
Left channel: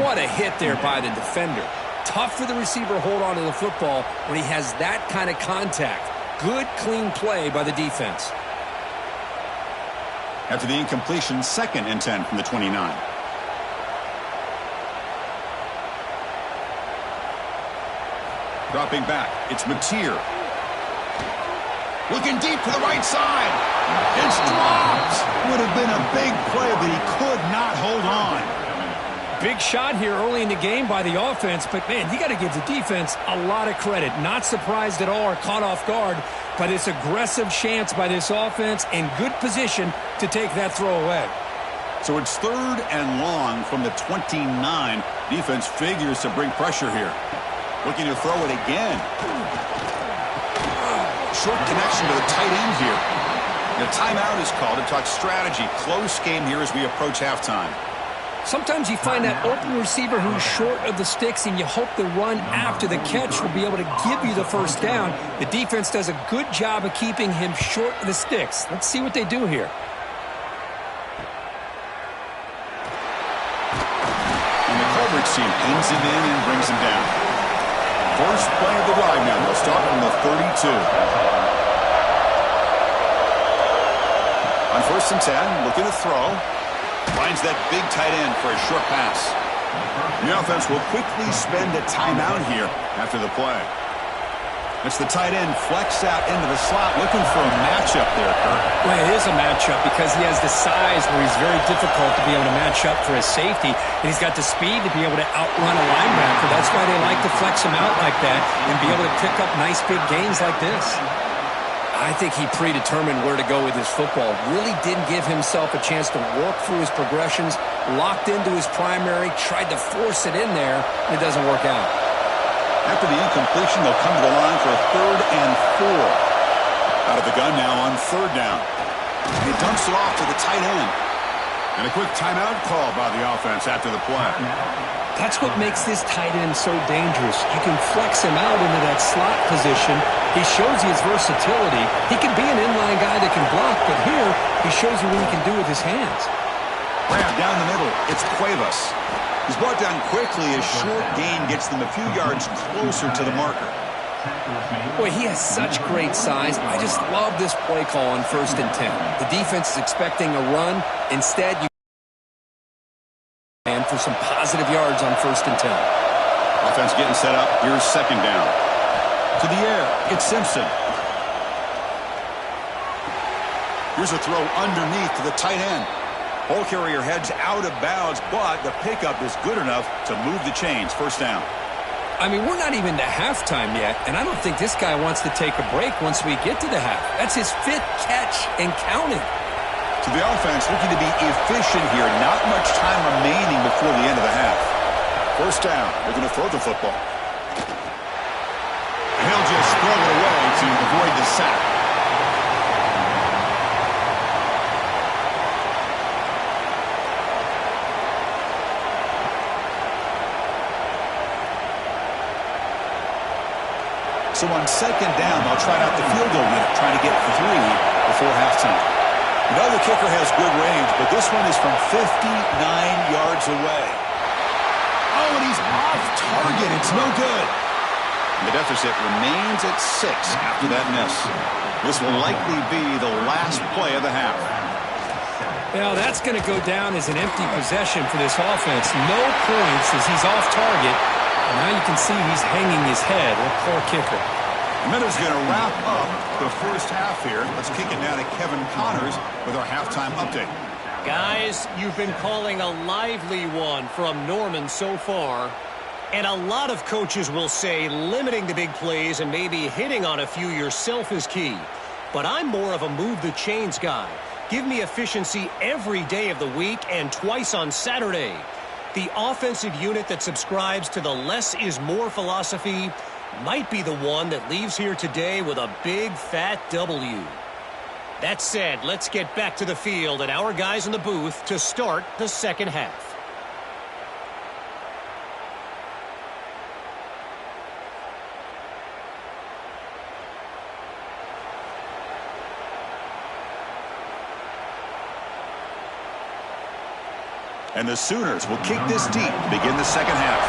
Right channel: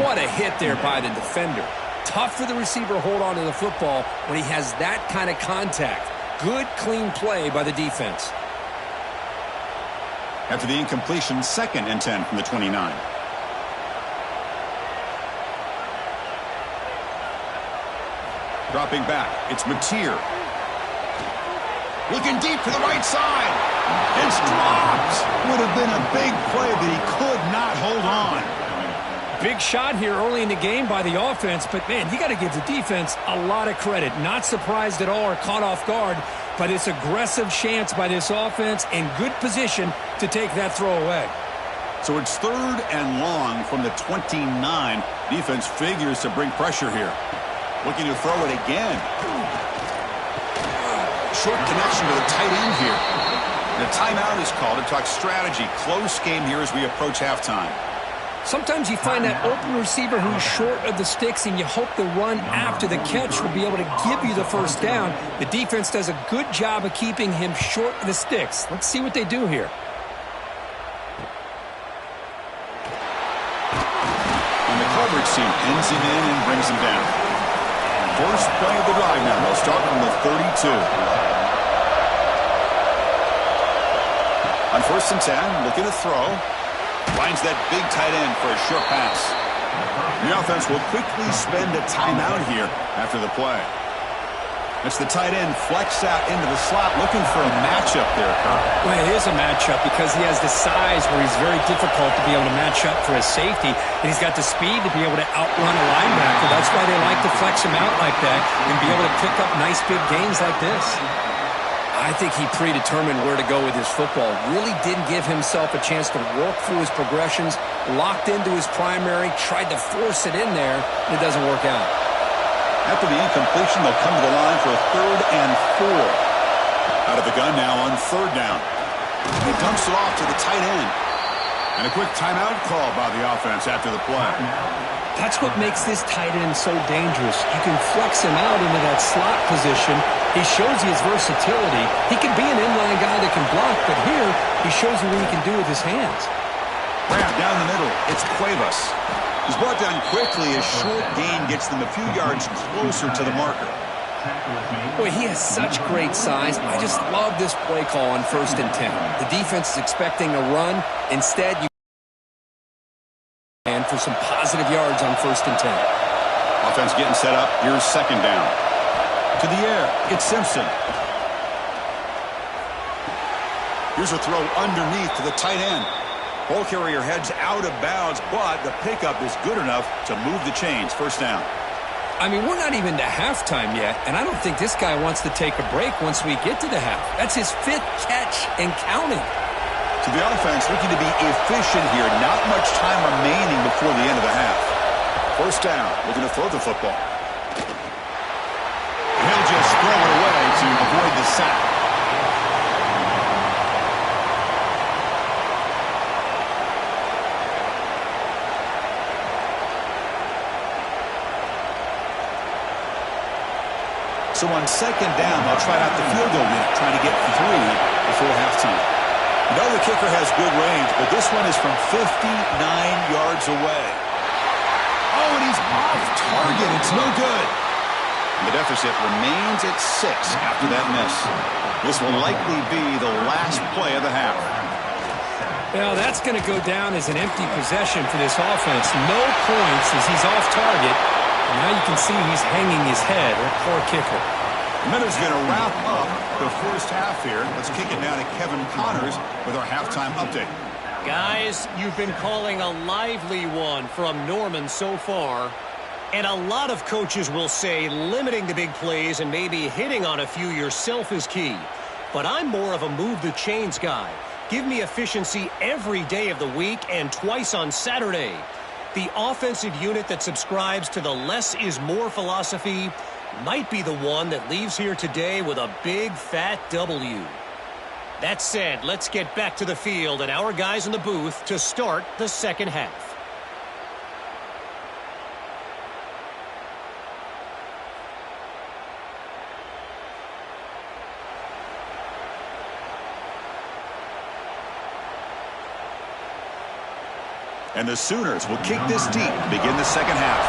What a hit there by the defender. Tough for the receiver to hold on to the football when he has that kind of contact. Good, clean play by the defense. After the incompletion, 2nd and 10 from the 29. Dropping back, it's Mateer. Looking deep to the right side. It's dropped. Would have been a big play, but he could not hold on. Big shot here early in the game by the offense, but, man, you got to give the defense a lot of credit. Not surprised at all or caught off guard, but it's aggressive chance by this offense and good position to take that throw away. So it's 3rd and long from the 29. Defense figures to bring pressure here. Looking to throw it again. Short connection to the tight end here. The timeout is called to talk strategy. Close game here as we approach halftime. Sometimes you find that open receiver who's short of the sticks, and you hope the run after the catch will be able to give you the first down. The defense does a good job of keeping him short of the sticks. Let's see what they do here. And the coverage team pins him in and brings him down. First play of the drive now. They'll start from the 32. On 1st and 10, looking to throw. Finds that big tight end for a short pass. The offense will quickly spend a timeout here after the play. It's the tight end flexed out into the slot, looking for a matchup there, Kurt. Well, it is a matchup because he has the size where he's very difficult to be able to match up for his safety, and he's got the speed to be able to outrun a linebacker. That's why they like to flex him out like that and be able to pick up nice big gains like this. I think he predetermined where to go with his football. Really didn't give himself a chance to work through his progressions, locked into his primary, tried to force it in there, and it doesn't work out. After the incompletion, they'll come to the line for a 3rd and 4. Out of the gun now on 3rd down. He dumps it off to the tight end. And a quick timeout call by the offense after the play. That's what makes this tight end so dangerous. You can flex him out into that slot position. He shows you his versatility. He can be an inline guy that can block, but here he shows you what he can do with his hands. Grab down the middle. It's Cuevas. He's brought down quickly. His short gain gets them a few yards closer to the marker. Boy, he has such great size. I just love this play call on 1st and 10. The defense is expecting a run. Instead, you and for some positive yards on 1st and 10. Offense getting set up. Here's 2nd down. To the air. It's Simpson. Here's a throw underneath to the tight end. Ball carrier heads out of bounds, but the pickup is good enough to move the chains. 1st down. I mean, we're not even to halftime yet, and I don't think this guy wants to take a break once we get to the half. That's his 5th catch and counting. To the offense, looking to be efficient here. Not much time remaining before the end of the half. 1st down, looking to throw the football. And he'll just throw it away to avoid the sack. So on 2nd down, they'll try out the field goal unit, trying to get 3 before halftime. You know the kicker has good range, but this one is from 59 yards away. Oh, and he's off target. It's no good. And the deficit remains at 6 after that miss. This will likely be the last play of the half. Well, that's going to go down as an empty possession for this offense. No points as he's off target. And now you can see he's hanging his head. A poor kicker. The minute's going to wrap up the 1st half here. Let's kick it down to Kevin Connors with our halftime update. Guys, you've been calling a lively one from Norman so far. And a lot of coaches will say limiting the big plays and maybe hitting on a few yourself is key. But I'm more of a move the chains guy. Give me efficiency every day of the week and twice on Saturday. The offensive unit that subscribes to the less is more philosophy might be the one that leaves here today with a big fat W. That said, let's get back to the field and our guys in the booth to start the 2nd half. And the Sooners will kick this deep to begin the 2nd half.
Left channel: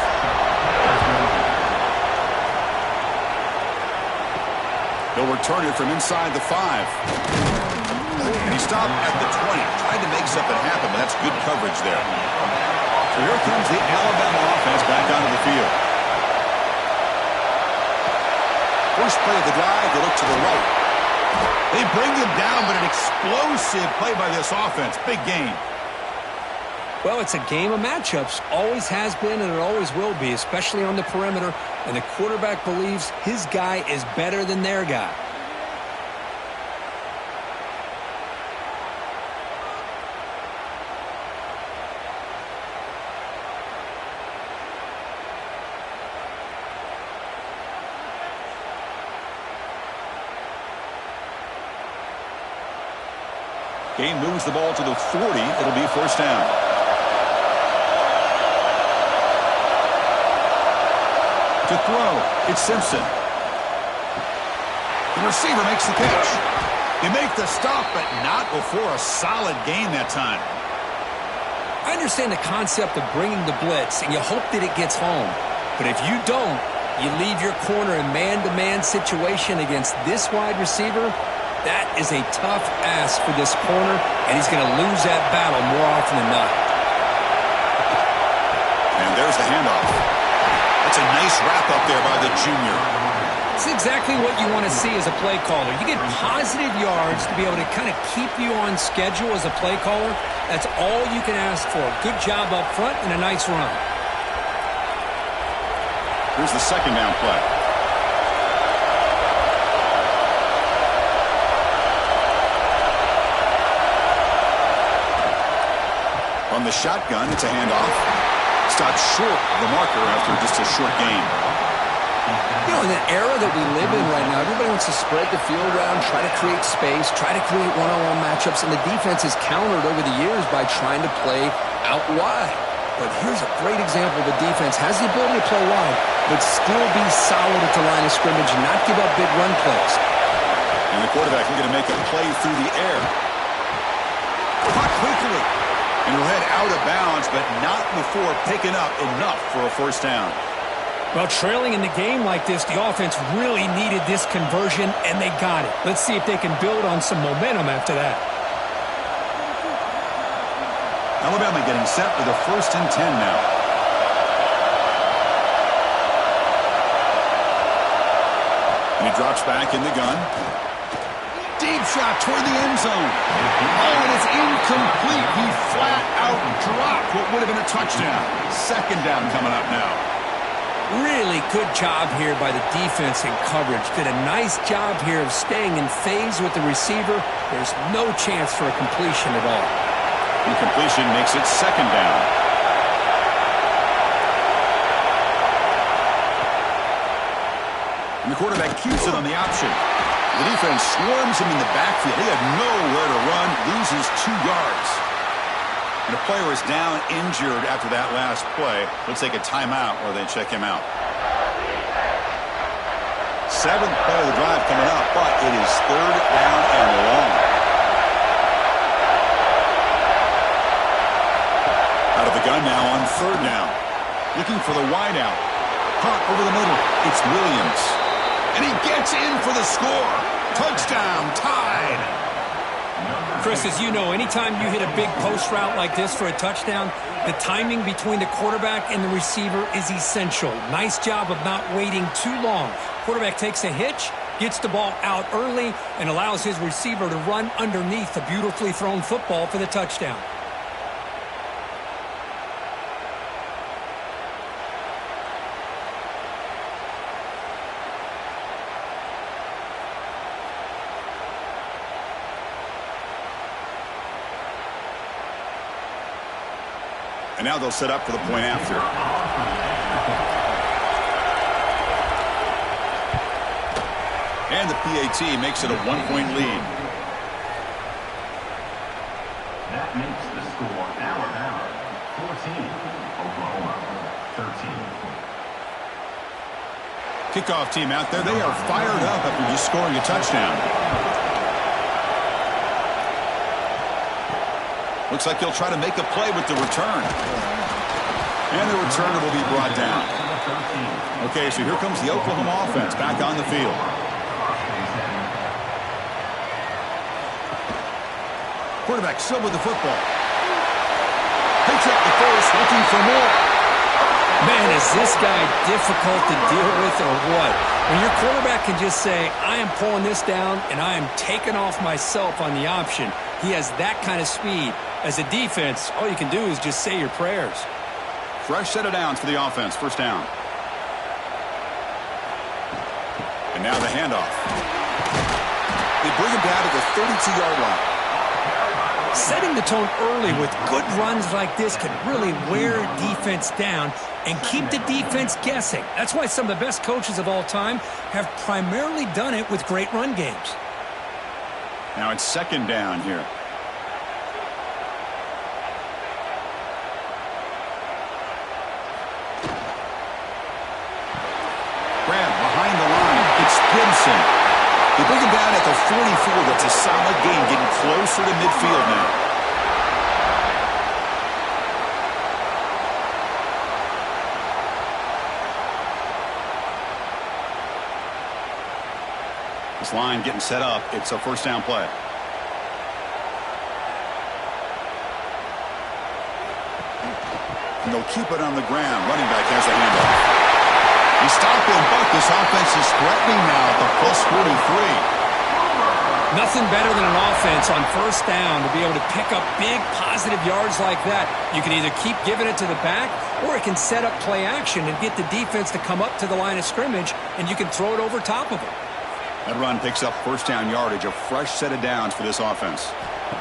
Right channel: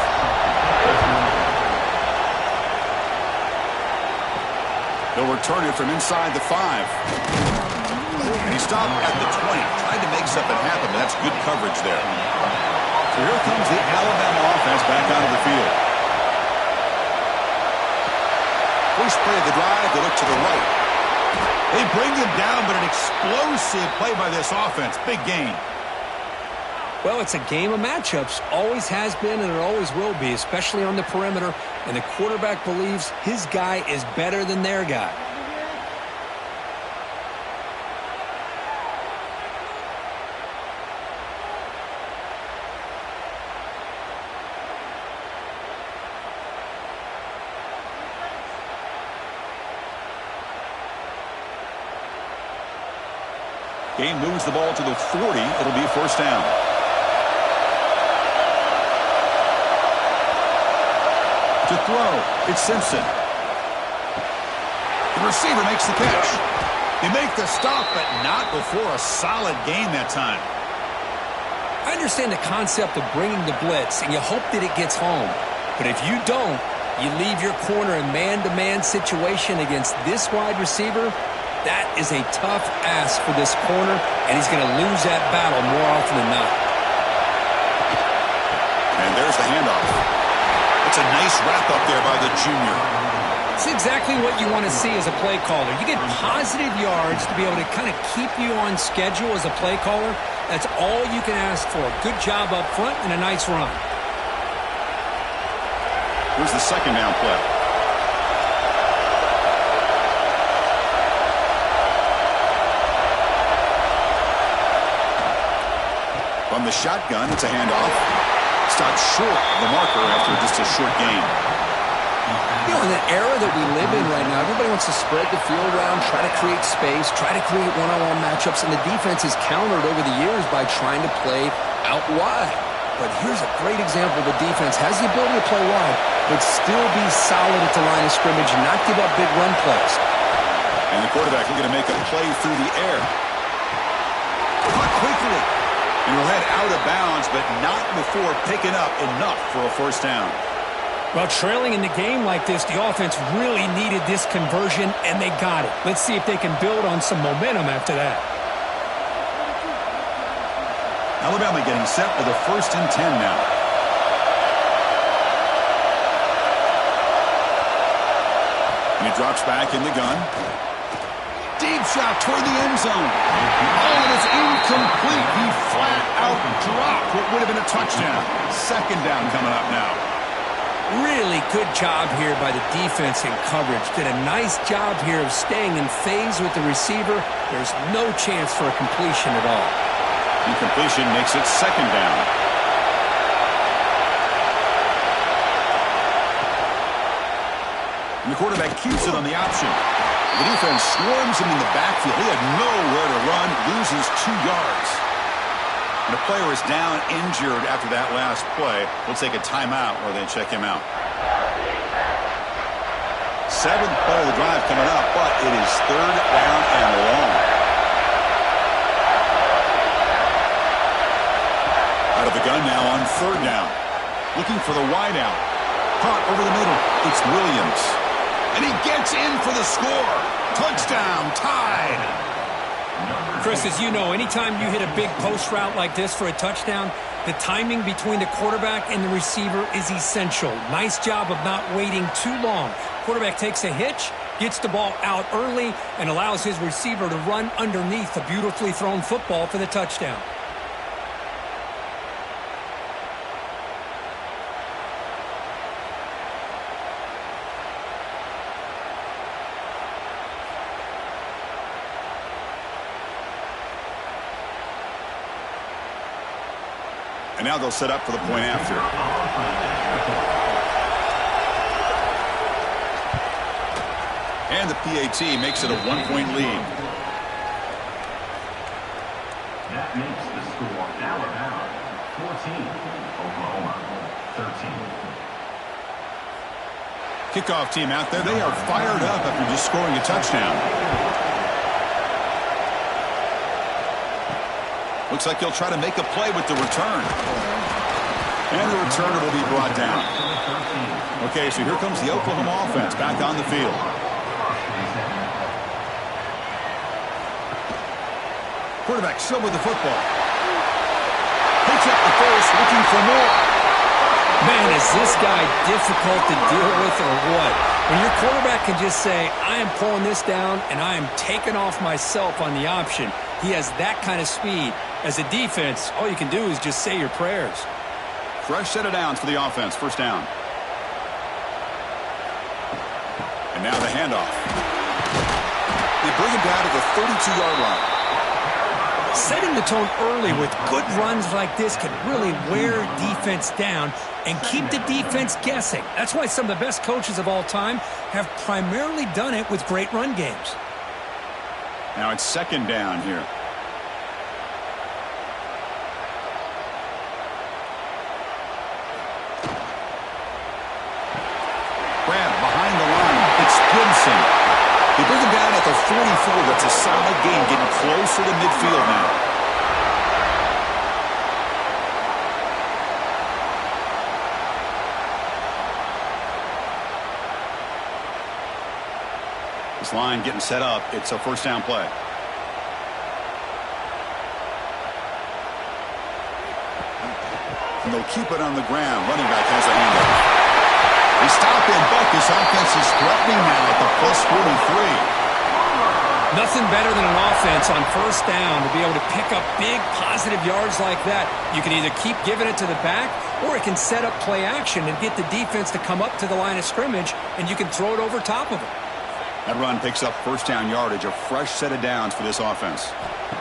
They'll return it from inside the 5. And he stopped at the 20. Tried to make something happen, but that's good coverage there. So here comes the Alabama offense back onto the field. First play of the drive, they look to the right. They bring him down, but an explosive play by this offense. Big gain. Well, it's a game of matchups. Always has been and it always will be, especially on the perimeter. And the quarterback believes his guy is better than their guy. Game moves the ball to the 40. It'll be 1st down. To throw, it's Simpson. The receiver makes the catch. They make the stop, but not before a solid gain that time. I understand the concept of bringing the blitz, and you hope that it gets home. But if you don't, you leave your corner in man-to-man situation against this wide receiver. That is a tough ask for this corner, and he's going to lose that battle more often than not. And there's the handoff. That's a nice wrap-up there by the junior. It's exactly what you want to see as a play caller. You get positive yards to be able to kind of keep you on schedule as a play caller. That's all you can ask for. Good job up front and a nice run. Here's the 2nd down play. From the shotgun, it's a handoff. Stopped short of the marker after just a short gain. You know, in the era that we live in right now, everybody wants to spread the field around, try to create space, try to create one-on-one matchups, and the defense is countered over the years by trying to play out wide. But here's a great example. The defense has the ability to play wide, but still be solid at the line of scrimmage and not give up big run plays. And the quarterback looking to make a play through the air. Caught quickly. And he'll head out of bounds, but not before picking up enough for a first down. Well, trailing in the game like this, the offense really needed this conversion, and they got it. Let's see if they can build on some momentum after that. Alabama getting set for the 1st and 10 now. And he drops back in the gun. Deep shot toward the end zone. Oh, it is incomplete. He flat out dropped what would have been a touchdown. 2nd down coming up now. Really good job here by the defense in coverage. Did a nice job here of staying in phase with the receiver. There's no chance for a completion at all. Incompletion makes it 2nd down. And the quarterback keeps it on the option. The defense swarms him in the backfield. He had nowhere to run, loses 2 yards. And a player is down injured after that last play. We'll take a timeout while they check him out. 7th play of the drive coming up, but it is 3rd down and long. Out of the gun now on 3rd down. Looking for the wideout. Caught over the middle. It's Williams. And he gets in for the score. Touchdown, tied. Chris, as you know, anytime you hit a big post route like this for a touchdown, the timing between the quarterback and the receiver is essential. Nice job of not waiting too long. Quarterback takes a hitch, gets the ball out early, and allows his receiver to run underneath the beautifully thrown football for the touchdown. And now they'll set up for the point after. And the PAT makes it a 1-point lead. That makes the score Alabama 14, Oklahoma 13. Kickoff team out there. They are fired up after just scoring a touchdown. Looks like he'll try to make a play with the return. And the returner will be brought down. Okay, so here comes the Oklahoma offense back on the field. Quarterback still with the football. Picks up the first, looking for more. Man, is this guy difficult to deal with or what? When your quarterback can just say, I am pulling this down and I am taking off myself on the option. He has that kind of speed. As a defense, all you can do is just say your prayers. Fresh set of downs for the offense. 1st down. And now the handoff. They bring him down to the 32-yard line. Setting the tone early with good runs like this can really wear defense down and keep the defense guessing. That's why some of the best coaches of all time have primarily done it with great run games. Now it's 2nd down here. Grab behind the line. It's Gibson. They bring him down at the 44. That's a solid gain, getting closer to midfield now. This line getting set up. It's a 1st down play. And they'll keep it on the ground. Running back has a handoff. They stop him, but this offense is threatening now at the +43. Nothing better than an offense on 1st down to be able to pick up big positive yards like that. You can either keep giving it to the back, or it can set up play action and get the defense to come up to the line of scrimmage, and you can throw it over top of them. That run picks up 1st down yardage, a fresh set of downs for this offense.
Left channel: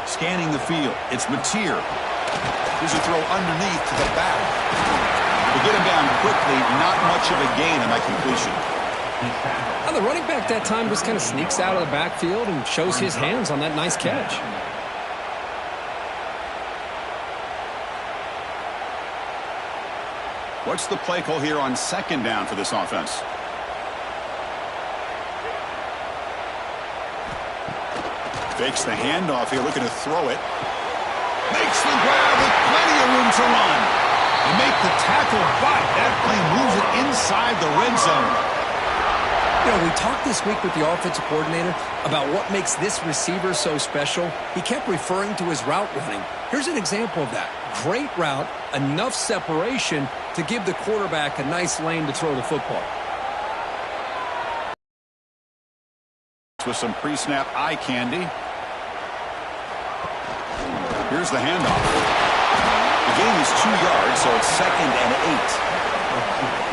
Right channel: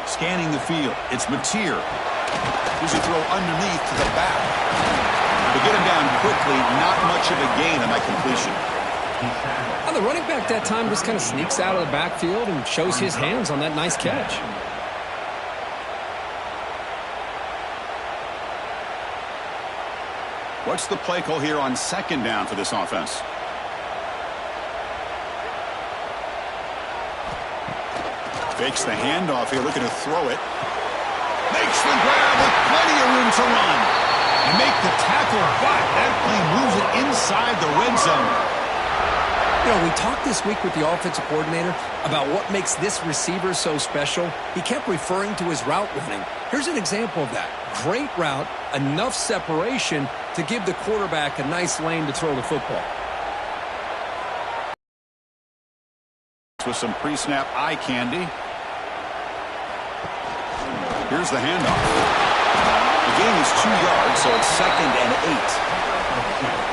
Scanning the field, it's Mateer. Here's a throw underneath to the back. To get him down quickly, not much of a gain on that completion. The running back that time just kind of sneaks out of the backfield and shows his hands on that nice catch. What's the play call here on second down for this offense? Fakes the handoff here, looking to throw it. Makes the grab with plenty of room to run. And make the tackle, but that play moves it inside the red zone. You know, we talked this week with the offensive coordinator about what makes this receiver so special. He kept referring to his route running. Here's an example of that. Great route, enough separation to give the quarterback a nice lane to throw the football. With some pre-snap eye candy. Here's the handoff. The gain is 2 yards, so it's 2nd and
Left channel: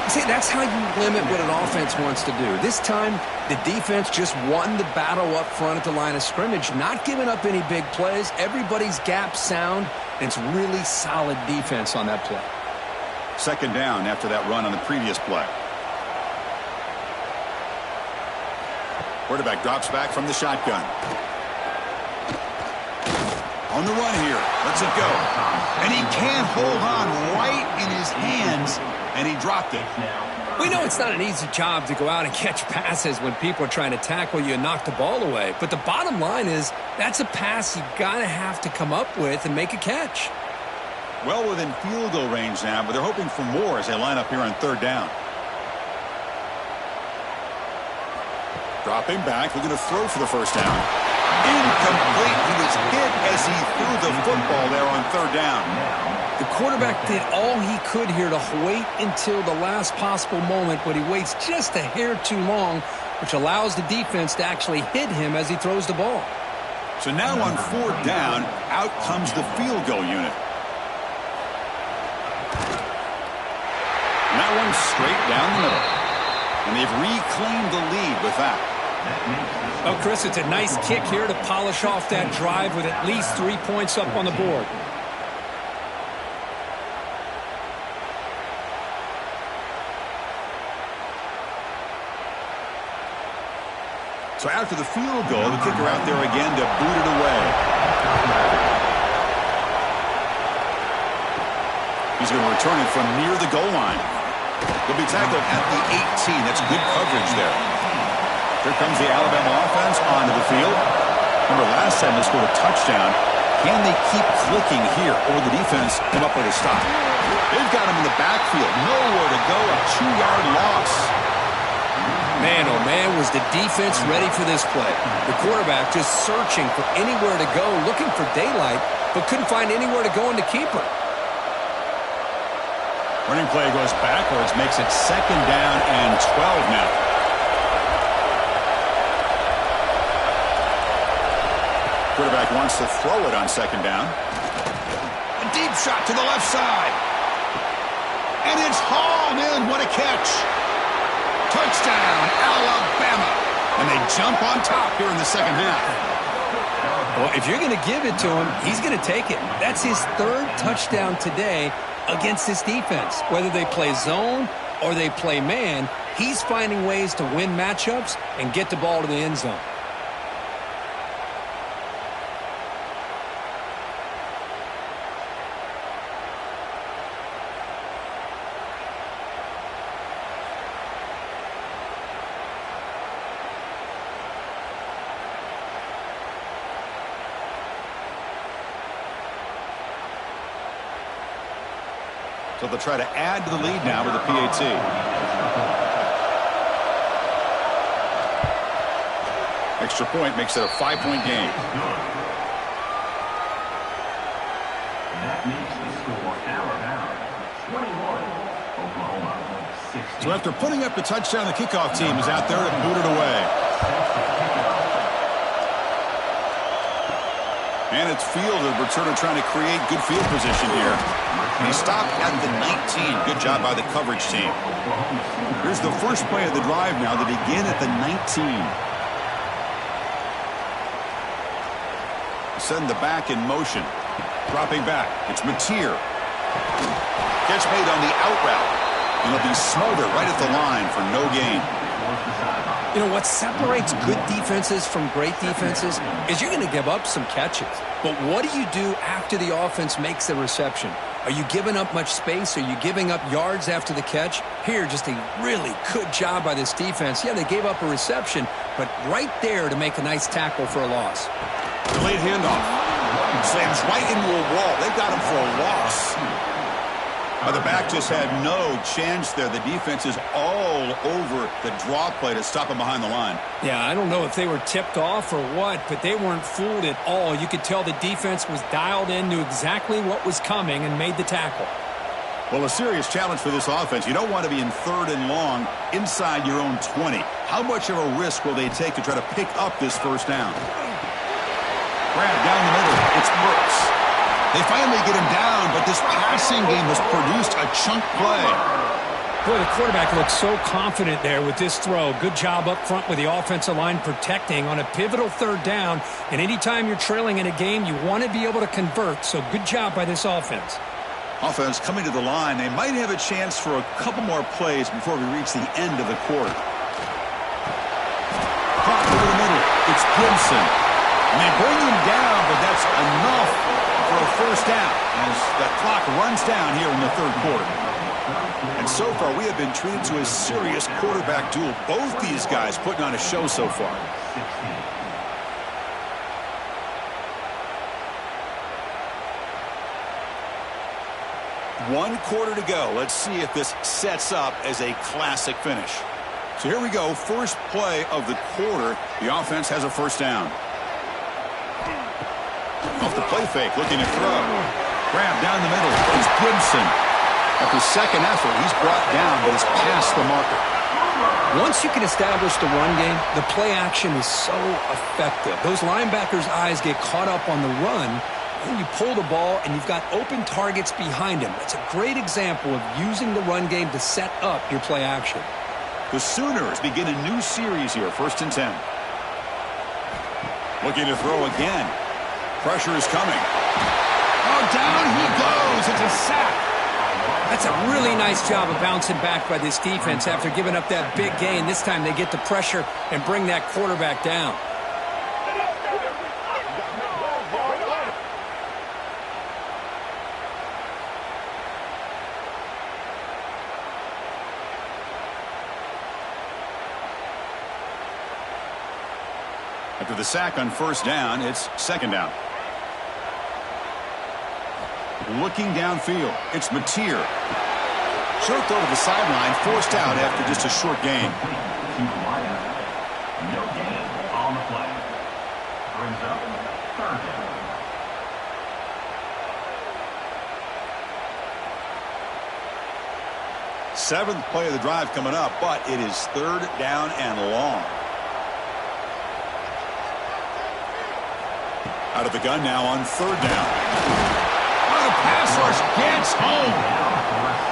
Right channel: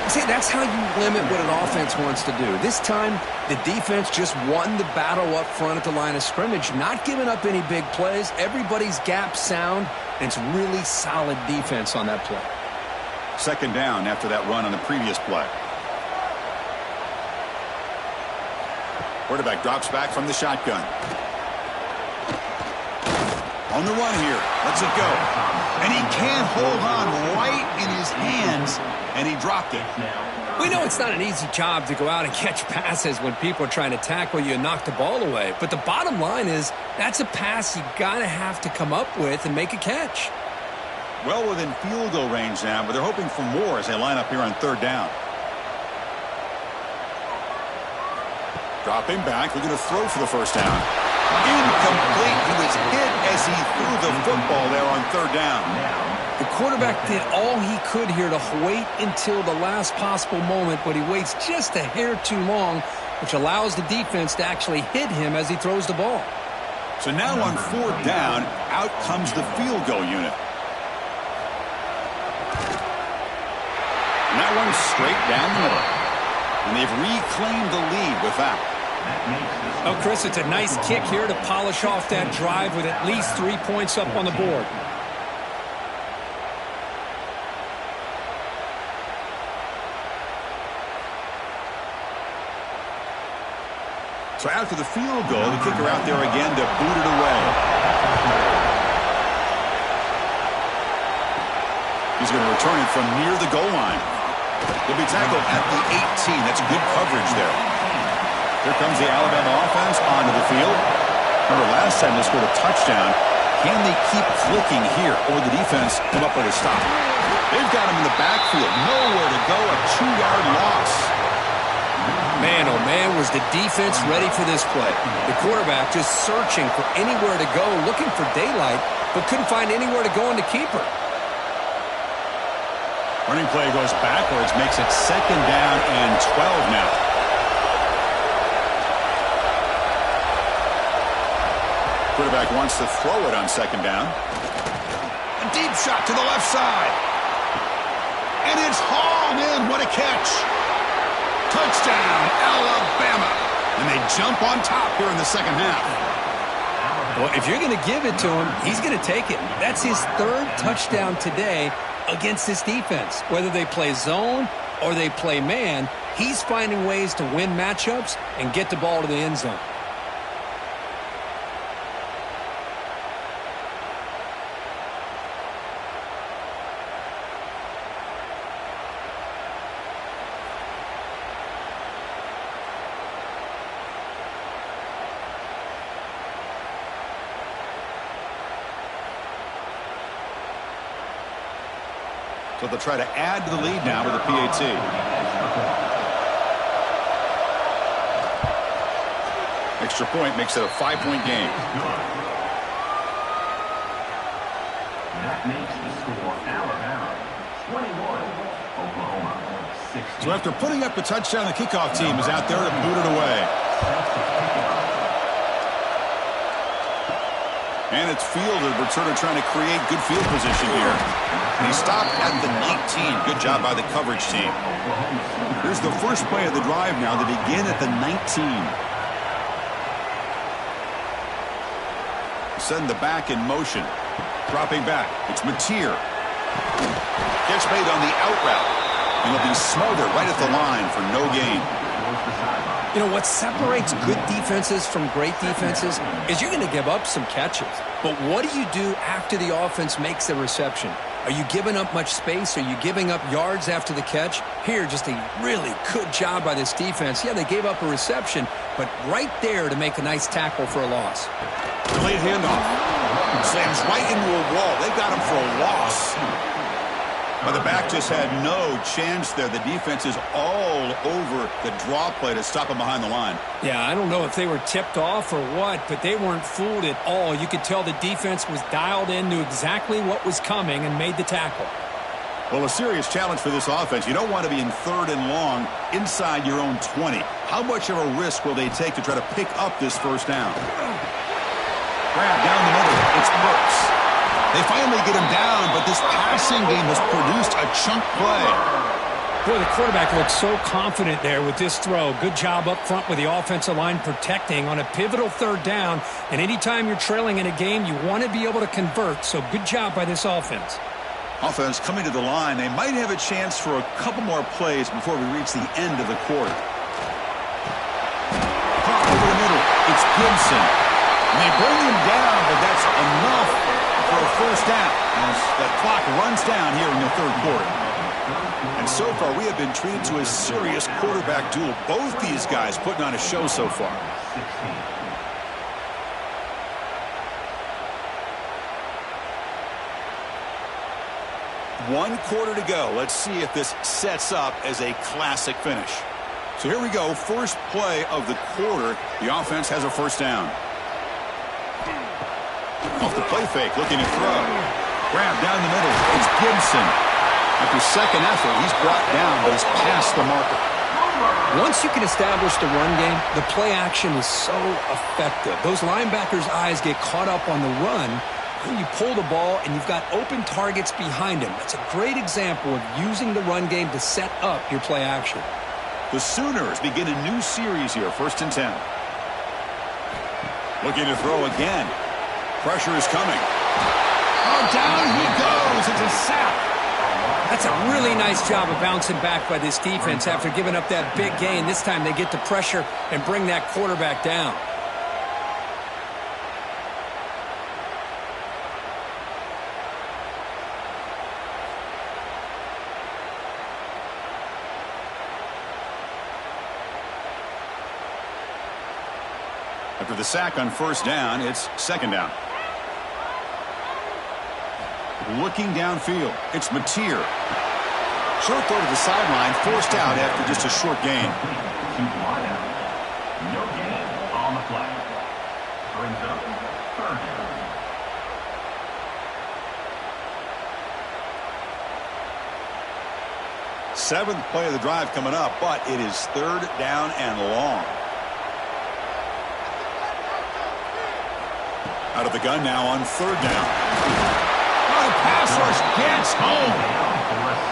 8. See, that's how you limit what an offense wants to do. This time, the defense just won the battle up front at the line of scrimmage, not giving up any big plays. Everybody's gap sound, and it's really solid defense on that play. 2nd down after that run on the previous play. Quarterback drops back from the shotgun. On the run here. Lets it go. And he can't hold on right in his hands, and he dropped it. We know it's not an easy job to go out and catch passes when people are trying to tackle you and knock the ball away. But the bottom line is that's a pass you got to have to come up with and make a catch. Well within field goal range now, but they're hoping for more as they line up here on 3rd down. Dropping back, looking to throw for the first down. Incomplete. He was hit as he threw the football there on 3rd down. The quarterback did all he could here to wait until the last possible moment, but he waits just a hair too long, which allows the defense to actually hit him as he throws the ball. So now on 4th down, out comes the field goal unit. And that one's straight down the middle. And they've reclaimed the lead with that. Oh, Chris, it's a nice kick here to polish off that drive with at least 3 points up on the board. So after the field goal, the kicker out there again to boot it away. He's going to return it from near the goal line. He'll be tackled at the 18. That's good coverage there. Here comes the Alabama offense onto the field. Remember, last time they scored a touchdown. Can they keep clicking here, or will the defense come up with a stop? They've got him in the backfield. Nowhere to go, a 2-yard loss. Man, oh man, was the defense ready for this play. The quarterback just searching for anywhere to go, looking for daylight, but couldn't find anywhere to go in the keeper. Running play goes backwards, makes it 2nd down and 12 now. Quarterback wants to throw it on 2nd down. A deep shot to the left side. And it's hauled in. What a catch. Touchdown, Alabama. And they jump on top here in the 2nd half. Well, if you're going to give it to him, he's going to take it. That's his 3rd touchdown today against this defense. Whether they play zone or they play man, he's finding ways to win matchups and get the ball to the end zone. So they'll try to add to the lead now with a PAT. Extra point makes it a 5-point game. That makes the score Alabama 21, Oklahoma 16. So after putting up the touchdown, the kickoff team is out there to boot it away. And it's fielded. Returner trying to create good field position here. And he stopped at the 19. Good job by the coverage team. Here's the first play of the drive now. They begin at the 19. Send the back in motion. Dropping back. It's Mateer. Catch made on the out route. And he'll be smothered right at the line for no gain. You know, what separates good defenses from great defenses is you're going to give up some catches. But what do you do after the offense makes the reception? Are you giving up much space? Are you giving up yards after the catch? Here, just a really good job by this defense. Yeah, they gave up a reception, but right there to make a nice tackle for a loss. Delayed handoff. Slams right into a wall. They got him for a loss. The back just had no chance there. The defense is all over the draw play to stop him behind the line. Yeah, I don't know if they were tipped off or what, but they weren't fooled at all. You could tell the defense was dialed in, knew exactly what was coming, and made the tackle. Well, a serious challenge for this offense. You don't want to be in 3rd and long inside your own 20. How much of a risk will they take to try to pick up this first down? Grab down the middle. It's Burks. They finally get him down, but this passing game has produced a chunk play. Boy, the quarterback looks so confident there with this throw. Good job up front with the offensive line protecting on a pivotal 3rd down. And anytime you're trailing in a game, you want to be able to convert. So good job by this offense. Offense coming to the line. They might have a chance for a couple more plays before we reach the end of the quarter. Caught over the middle. It's Gibson. And they bring him down, but that's enough for a first down as the clock runs down here in the 3rd quarter. And so far, we have been treated to a serious quarterback duel. Both these guys putting on a show so far. One quarter to go. Let's see if this sets up as a classic finish. So here we go. First play of the quarter. The offense has a first down. Off the play fake, looking to throw. Grab down the middle. It's Gibson. After second effort, he's brought down, but he's past the marker. Once you can establish the run game, the play action is so effective. Those linebackers' eyes get caught up on the run. Then you pull the ball, and you've got open targets behind him. That's a great example of using the run game to set up your play action. The Sooners begin a new series here, 1st and 10. Looking to throw again. Pressure is coming. Oh, down he goes. It's a sack. That's a really nice job of bouncing back by this defense after giving up that big gain. This time they get the pressure and bring that quarterback down. After the sack on first down, it's 2nd down. Looking downfield, it's Mateer. Short throw to the sideline, forced out after just a short gain. No gain on the play. Brings up 3rd down. Seventh play of the drive coming up, but it is 3rd down and long. Out of the gun now on 3rd down. The pass rush gets home.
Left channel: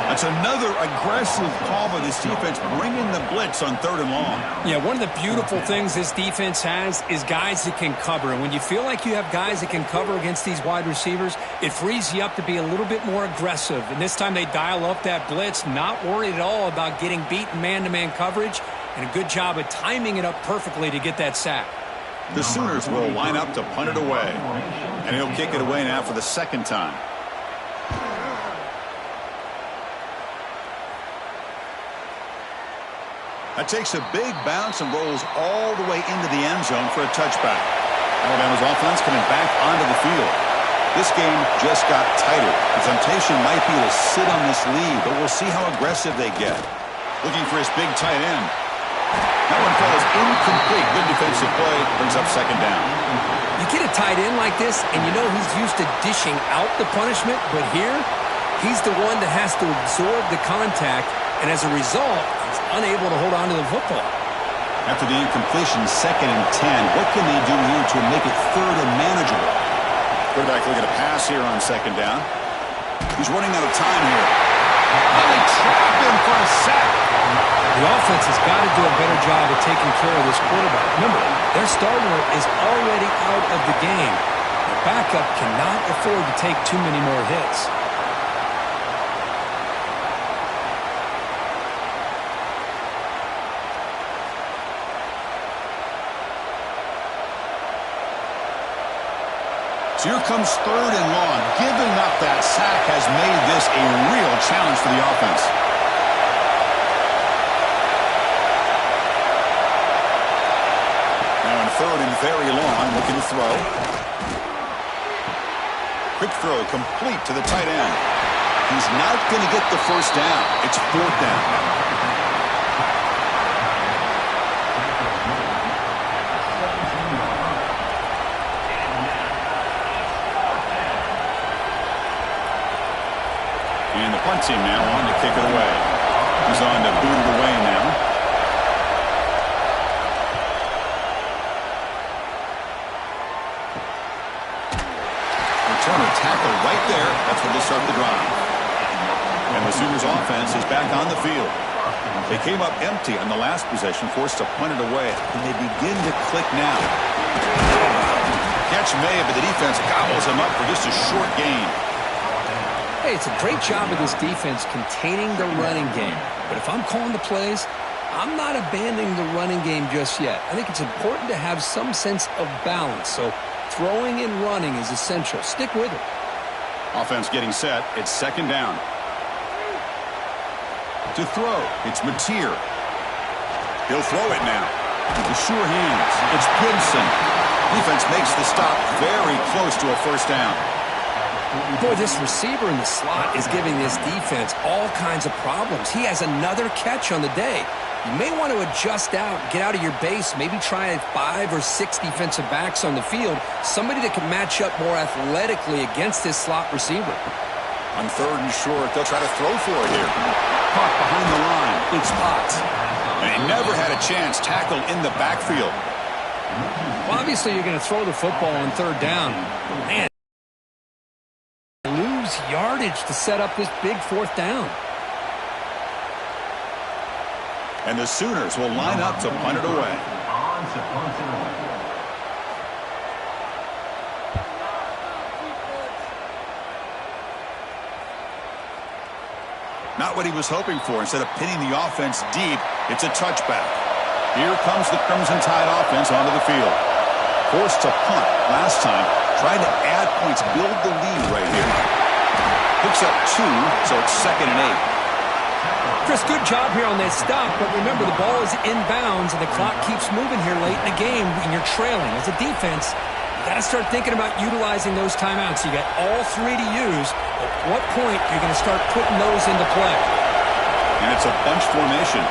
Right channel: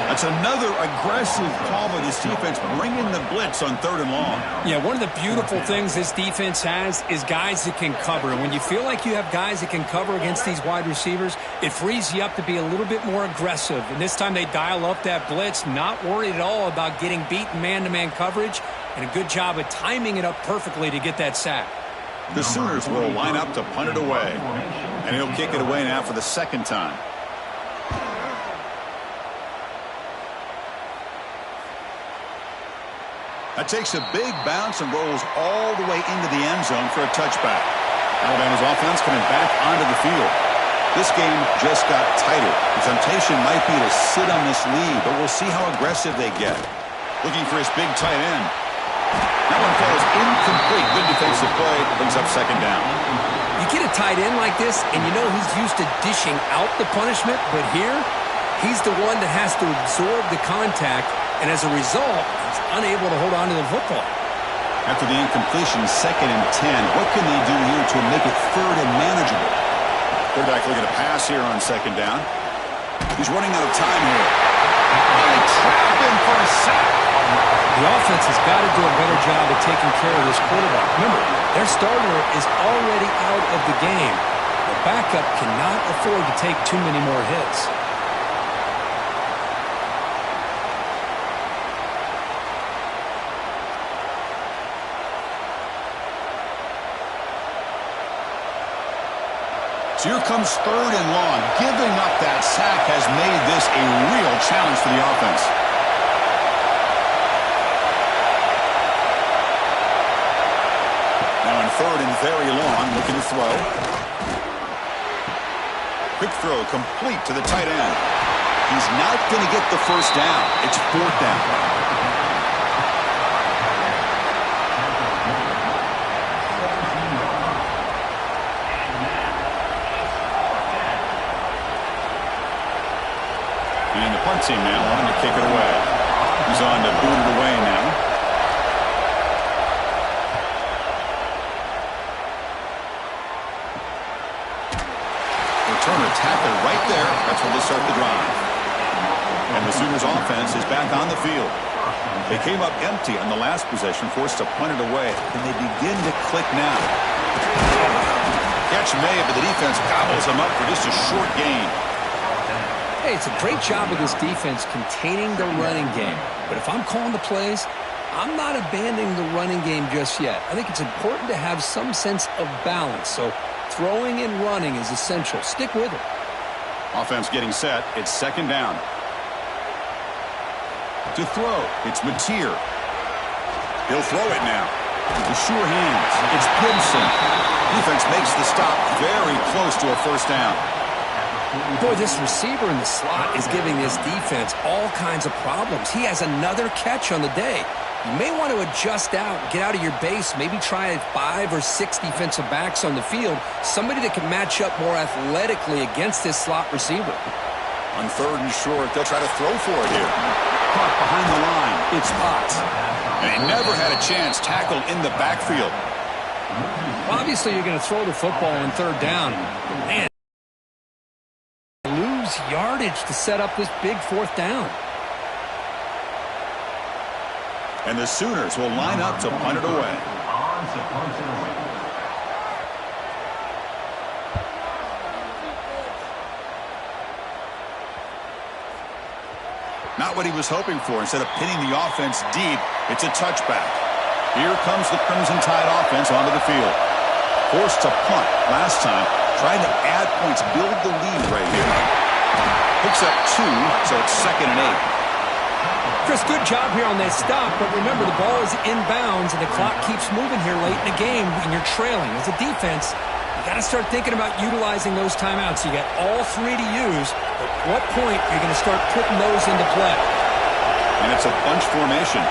That's another aggressive call by this defense, bringing the blitz on 3rd and long. Yeah, one of the beautiful things this defense has is guys that can cover. And when you feel like you have guys that can cover against these wide receivers, it frees you up to be a little bit more aggressive. And this time they dial up that blitz, not worried at all about getting beaten man-to-man coverage, and a good job of timing it up perfectly to get that sack. The Sooners will line up to punt it away. And he'll kick it away now for the 2nd time. That takes a big bounce and rolls all the way into the end zone for a touchback. Alabama's offense coming back onto the field. This game just got tighter. The temptation might be to sit on this lead, but we'll see how aggressive they get. Looking for his big tight end. That one falls incomplete. Good defensive play. Brings up 2nd down. You get a tight end like this, and you know he's used to dishing out the punishment, but here, he's the one that has to absorb the contact, and as a result, he's unable to hold on to the football. After the incompletion, 2nd and 10. What can they do here to make it 3rd and manageable? Quarterback looking to pass here on 2nd down. He's running out of time here. Oh, they trap him for a sack. The offense has got to do a better job of taking care of this quarterback. Remember, their starter is already out of the game. The backup cannot afford to take too many more hits. So here comes 3rd and long. Giving up that sack has made this a real challenge for the offense. Now in 3rd and very long, looking to throw. Quick throw complete to the tight end. He's not going to get the first down. It's 4th down. And the punt team now on to kick it away. He's on to boot it away now. Returner tackled right there. That's where they'll start the drive. And the Sooners offense is back on the field. They came up empty on the last possession, forced to punt it away. And they begin to click now. Catch made, but the defense gobbles them up for just a short gain. Hey, it's a great job of this defense containing the running game. But if I'm calling the plays, I'm not abandoning the running game just yet. I think it's important to have some sense of balance. So throwing and running is essential. Stick with it. Offense getting set. It's 2nd down. To throw, it's Mateer. He'll throw it now. With the sure hands, it's Gibson. Defense makes the stop very close to a first down. Boy, this receiver in the slot is giving this defense all kinds of problems. He has another catch on the day. You may want to adjust out, get out of your base, maybe try 5 or 6 defensive backs on the field, somebody that can match up more athletically against this slot receiver. On 3rd and short, they'll try to throw for it here. Caught behind the line. It's Potts. And he never had a chance, tackled in the backfield. Well, obviously you're going to throw the football on 3rd down. But man, lose yardage to set up this big 4th down. And the Sooners will line up to punt it away. On to punt it away. Not what he was hoping for. Instead of pinning the offense deep, it's a touchback. Here comes the Crimson Tide offense onto the field. Forced to punt last time. Trying to add points, build the lead right here. Picks up 2, so it's 2nd and 8. Chris, good job here on that stop, but remember the ball is inbounds and the clock keeps moving here late in the game when you're trailing. As a defense, you got to start thinking about utilizing those timeouts. You got all 3 to use, but at what point you're going to start putting those into play? And it's a bunch formation.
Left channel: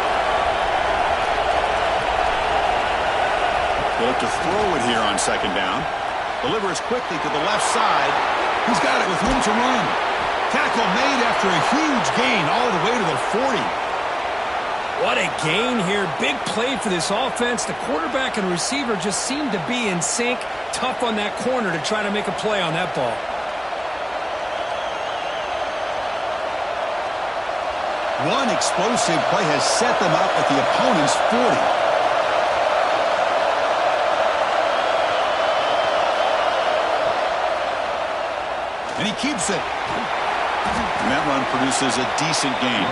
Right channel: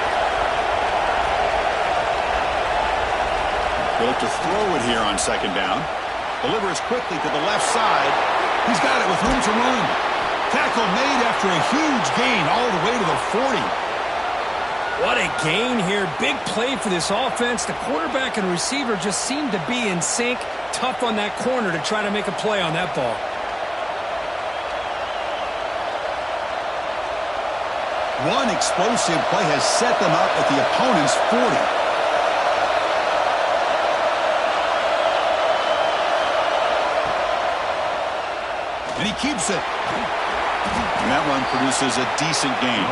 They'll look to throw it here on 2nd down. Delivers quickly to the left side. He's got it with room to run. Tackle made after a huge gain all the way to the 40. What a gain here. Big play for this offense. The quarterback and receiver just seem to be in sync. Tough on that corner to try to make a play on that ball. One explosive play has set them up at the opponent's 40. And he keeps it. And that run produces a decent gain.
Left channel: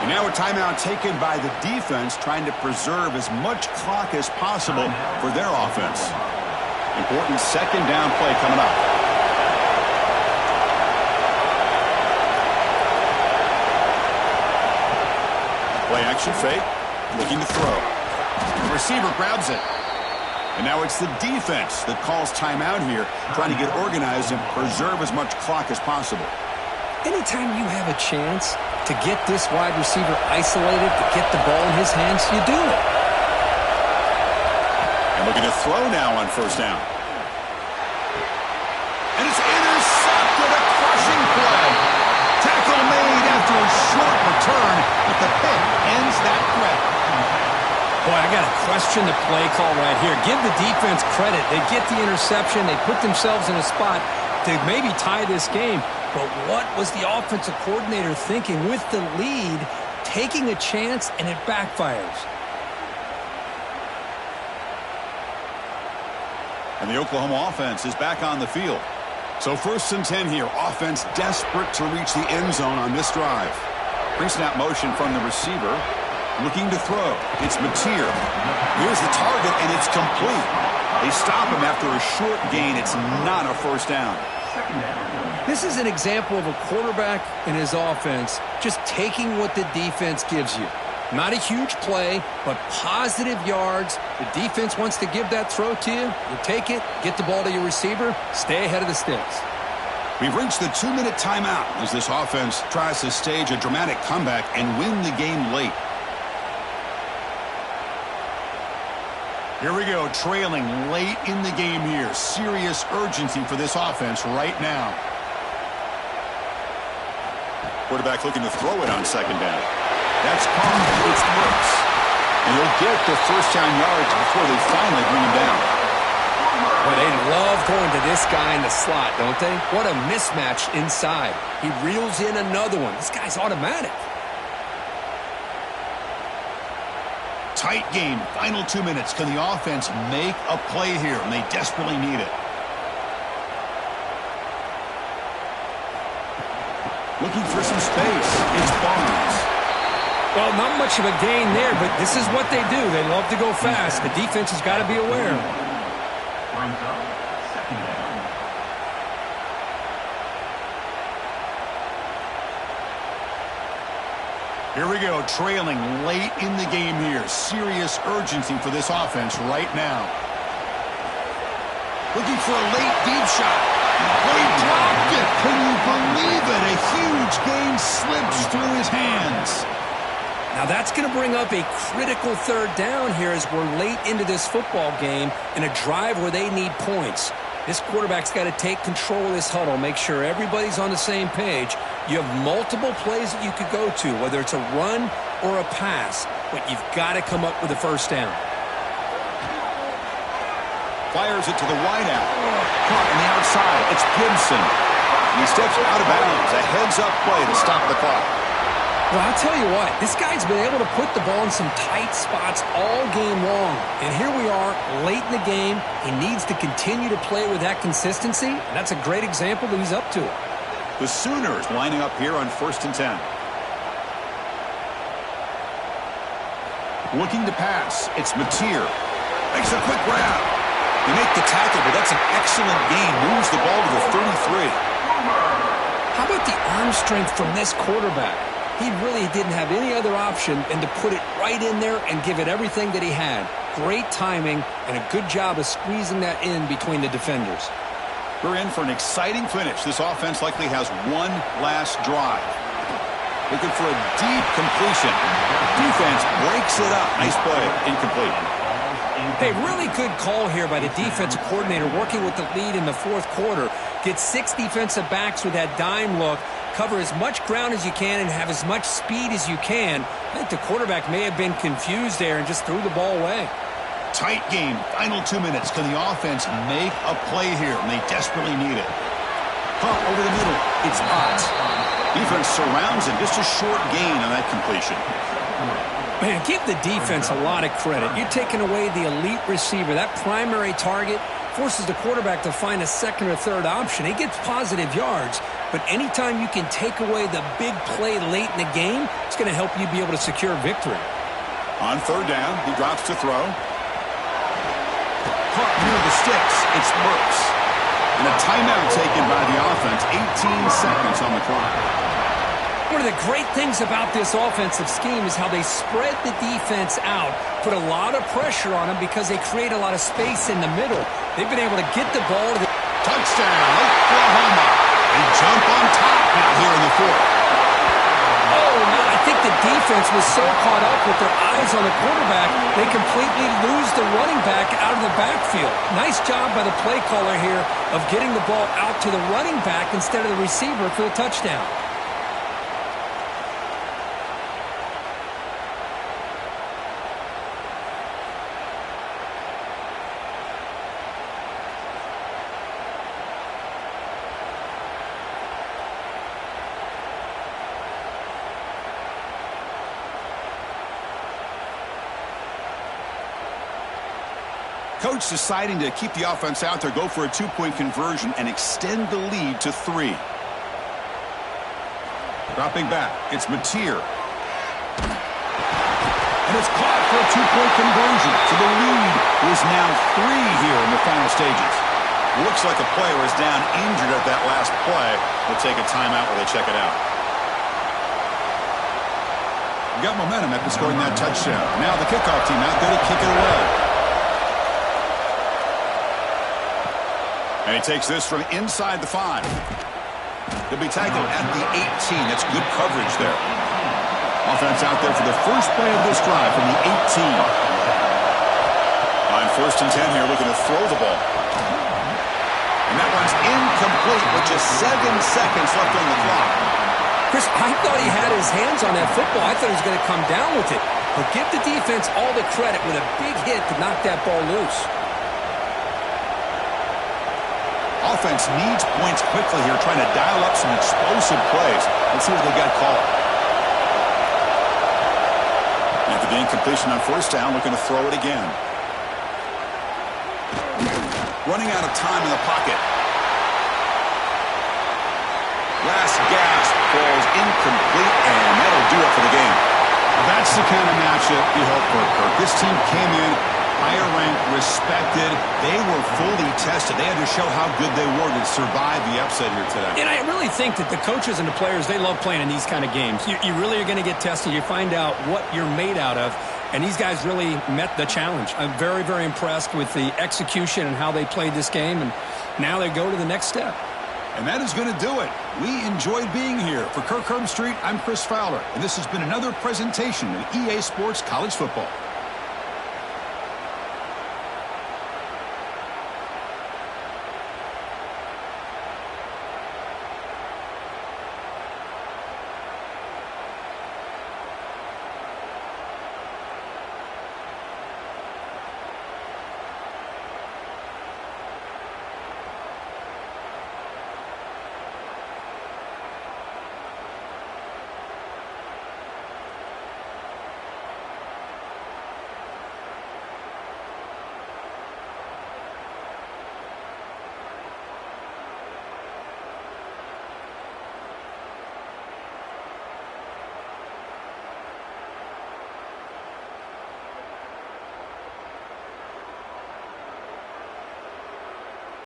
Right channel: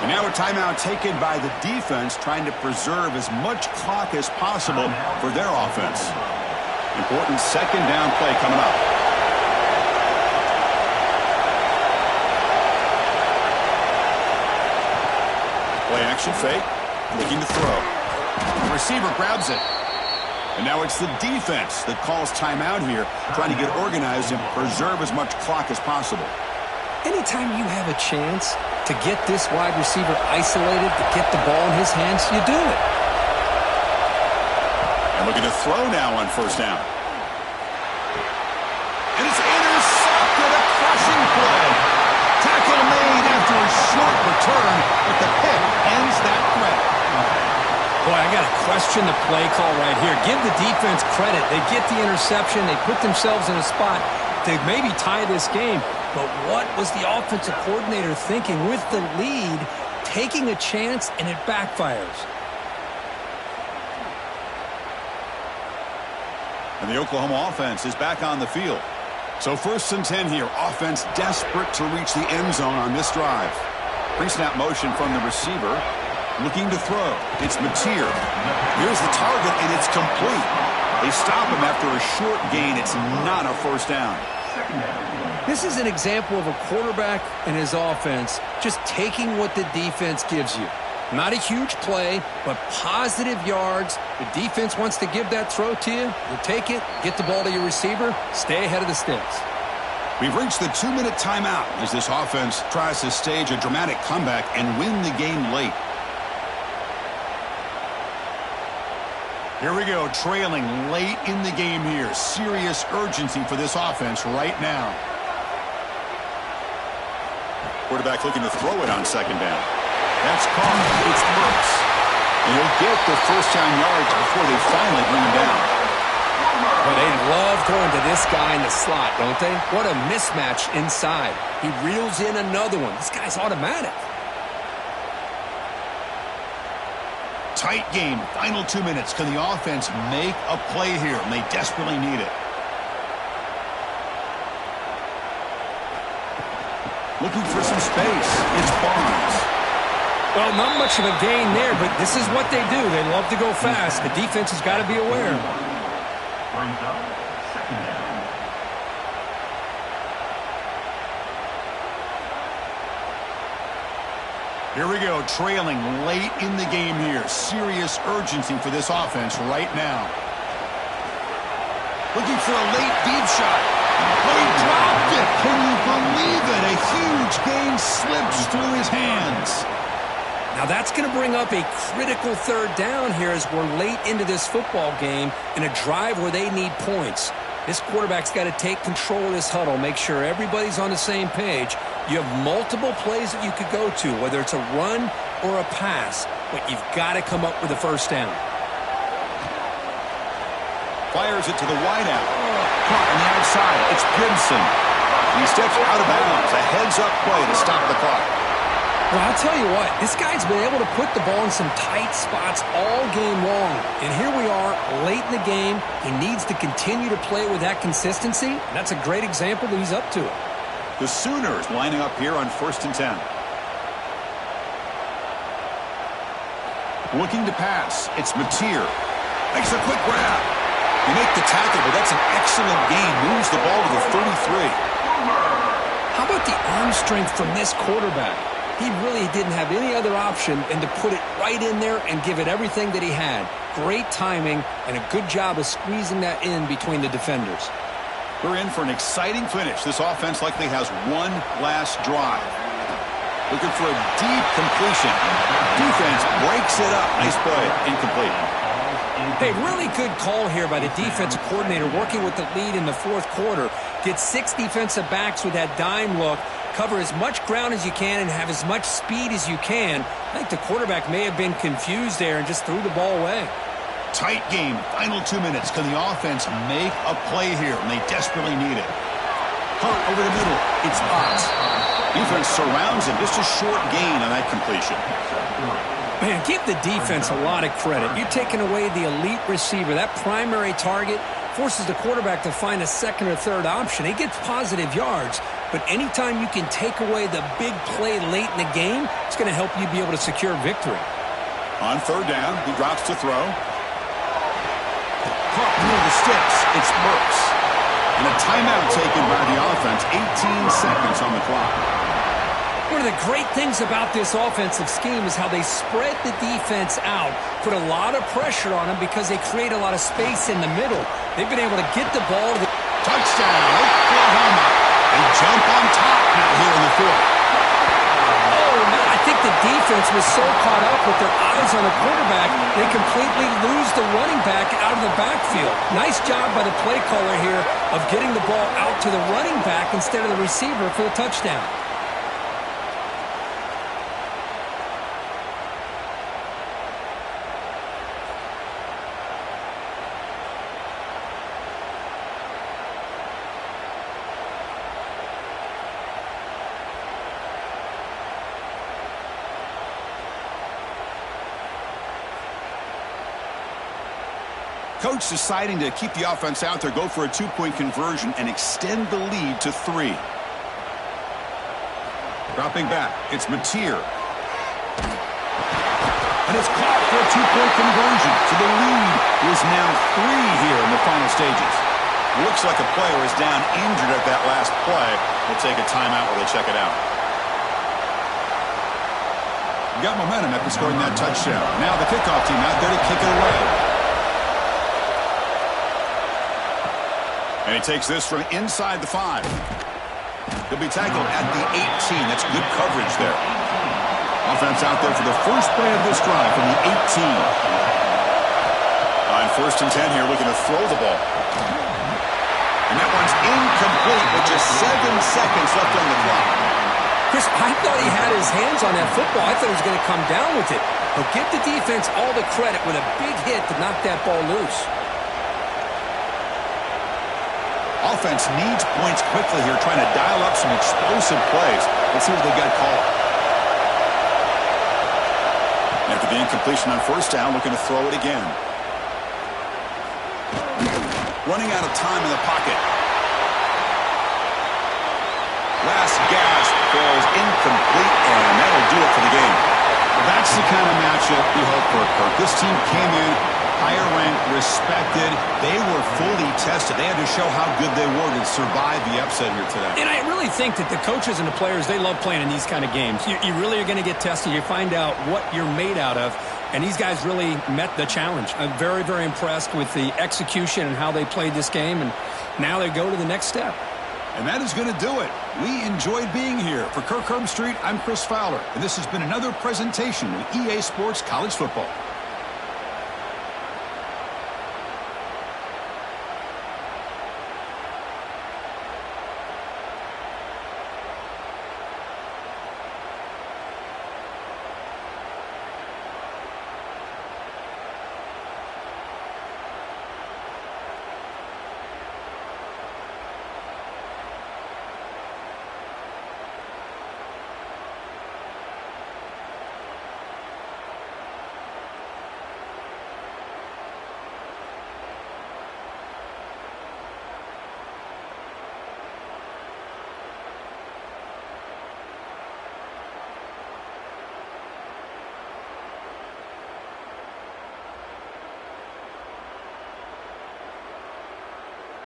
And now a timeout taken by the defense, trying to preserve as much clock as possible for their offense. Important 2nd down play coming up. Play action fake, looking to throw. The receiver grabs it. And now it's the defense that calls timeout here, trying to get organized and preserve as much clock as possible. Anytime you have a chance to get this wide receiver isolated, to get the ball in his hands, you do it. And looking to throw now on 1st down. And it's intercepted, a crushing play. Tackle made after a short return, but the pick ends that threat. Boy, I got to question the play call right here. Give the defense credit. They get the interception. They put themselves in a spot to maybe tie this game. But what was the offensive coordinator thinking with the lead, taking a chance, and it backfires? And the Oklahoma offense is back on the field. So 1st and 10 here. Offense desperate to reach the end zone on this drive. Pre-snap motion from the receiver. Looking to throw. It's Mateer. Here's the target, and it's complete. They stop him after a short gain. It's not a first down. This is an example of a quarterback and his offense just taking what the defense gives you. Not a huge play, but positive yards. The defense wants to give that throw to you. You take it, get the ball to your receiver, stay ahead of the sticks. We've reached the 2-minute timeout as this offense tries to stage a dramatic comeback and win the game late. Here we go, trailing late in the game here. Serious urgency for this offense right now. Quarterback looking to throw it on 2nd down. That's caught. It's Burks. And he'll get the first down yards before they finally bring him down. Well, they love going to this guy in the slot, don't they? What a mismatch inside. He reels in another one. This guy's automatic. Tight game. Final 2 minutes. Can the offense make a play here? And they desperately need it. Looking for some space. It's Barnes. Well, not much of a gain there, but this is what they do. They love to go fast. The defense has got to be aware. Brings up 2nd down. Here we go, trailing late in the game here. Serious urgency for this offense right now. Looking for a late deep shot. But he dropped it. Can you believe it? A huge gain slips through his hands. Now that's going to bring up a critical 3rd down here as we're late into this football game in a drive where they need points. This quarterback's got to take control of this huddle, make sure everybody's on the same page. You have multiple plays that you could go to, whether it's a run or a pass, but you've got to come up with a first down. Fires it to the wideout. Caught on the outside. It's Gibson. He steps out of bounds. A heads-up play to stop the clock. Well, I'll tell you what, this guy's been able to put the ball in some tight spots all game long. And here we are, late in the game. He needs to continue to play with that consistency, and that's a great example that he's up to it. The Sooners lining up here on 1st and 10. Looking to pass. It's Mateer. Makes a quick grab. They make the tackle, but that's an excellent gain. Moves the ball to the 33. How about the arm strength from this quarterback? He really didn't have any other option than to put it right in there and give it everything that he had. Great timing and a good job of squeezing that in between the defenders. We're in for an exciting finish. This offense likely has one last drive. Looking for a deep completion. Defense breaks it up. Nice play. Incomplete. Hey, really good call here by the defensive coordinator working with the lead in the 4th quarter. Get 6 defensive backs with that dime look. Cover as much ground as you can and have as much speed as you can. I think the quarterback may have been confused there and just threw the ball away. Tight game. Final 2 minutes. Can the offense make a play here? And they desperately need it. Hunt over the middle. It's Potts. Defense surrounds him. Just a short gain on that completion. Man, give the defense a lot of credit. You're taking away the elite receiver. That primary target forces the quarterback to find a 2nd or 3rd option. He gets positive yards, but anytime you can take away the big play late in the game, it's going to help you be able to secure victory. On 3rd down, he drops to throw. Caught near the sticks. It's Burks. And a timeout taken by the offense. 18 seconds on the clock. One of the great things about this offensive scheme is how they spread the defense out, put a lot of pressure on them because they create a lot of space in the middle. They've been able to get the ball to the touchdown, Oklahoma. They jump on top now here in the 4th. Oh, man, I think the defense was so caught up with their eyes on the quarterback, they completely lose the running back out of the backfield. Nice job by the play caller here of getting the ball out to the running back instead of the receiver for the touchdown. Coach deciding to keep the offense out there, go for a two-point conversion, and extend the lead to 3. Dropping back, it's Mateer. And it's caught for a two-point conversion. So the lead is now 3 here in the final stages. Looks like a player is down injured at that last play. We'll take a timeout while they check it out. Got momentum after scoring that touchdown. Now the kickoff team out there to kick it away. And he takes this from inside the 5. He'll be tackled at the 18. That's good coverage there. Offense out there for the first play of this drive from the 18. On 1st and 10 here, looking to throw the ball. And that one's incomplete with just 7 seconds left on the clock. Chris, I thought he had his hands on that football. I thought he was going to come down with it. But give the defense all the credit with a big hit to knock that ball loose. Offense needs points quickly here, trying to dial up some explosive plays. Let's see what they got called. After the incompletion on 1st down, looking to throw it again. Running out of time in the pocket. Last gasp falls incomplete, and that'll do it for the game. Well, that's the kind of matchup you hope for, Kirk. This team came in higher ranked, respected. They were fully tested. They had to show how good they were to survive the upset here today. And I really think that the coaches and the players, they love playing in these kind of games. You really are going to get tested. You find out what you're made out of. And these guys really met the challenge. I'm very, very impressed with the execution and how they played this game. And now they go to the next step. And that is going to do it. We enjoyed being here. For Kirk Herbstreit, I'm Chris Fowler. And this has been another presentation of EA Sports College Football.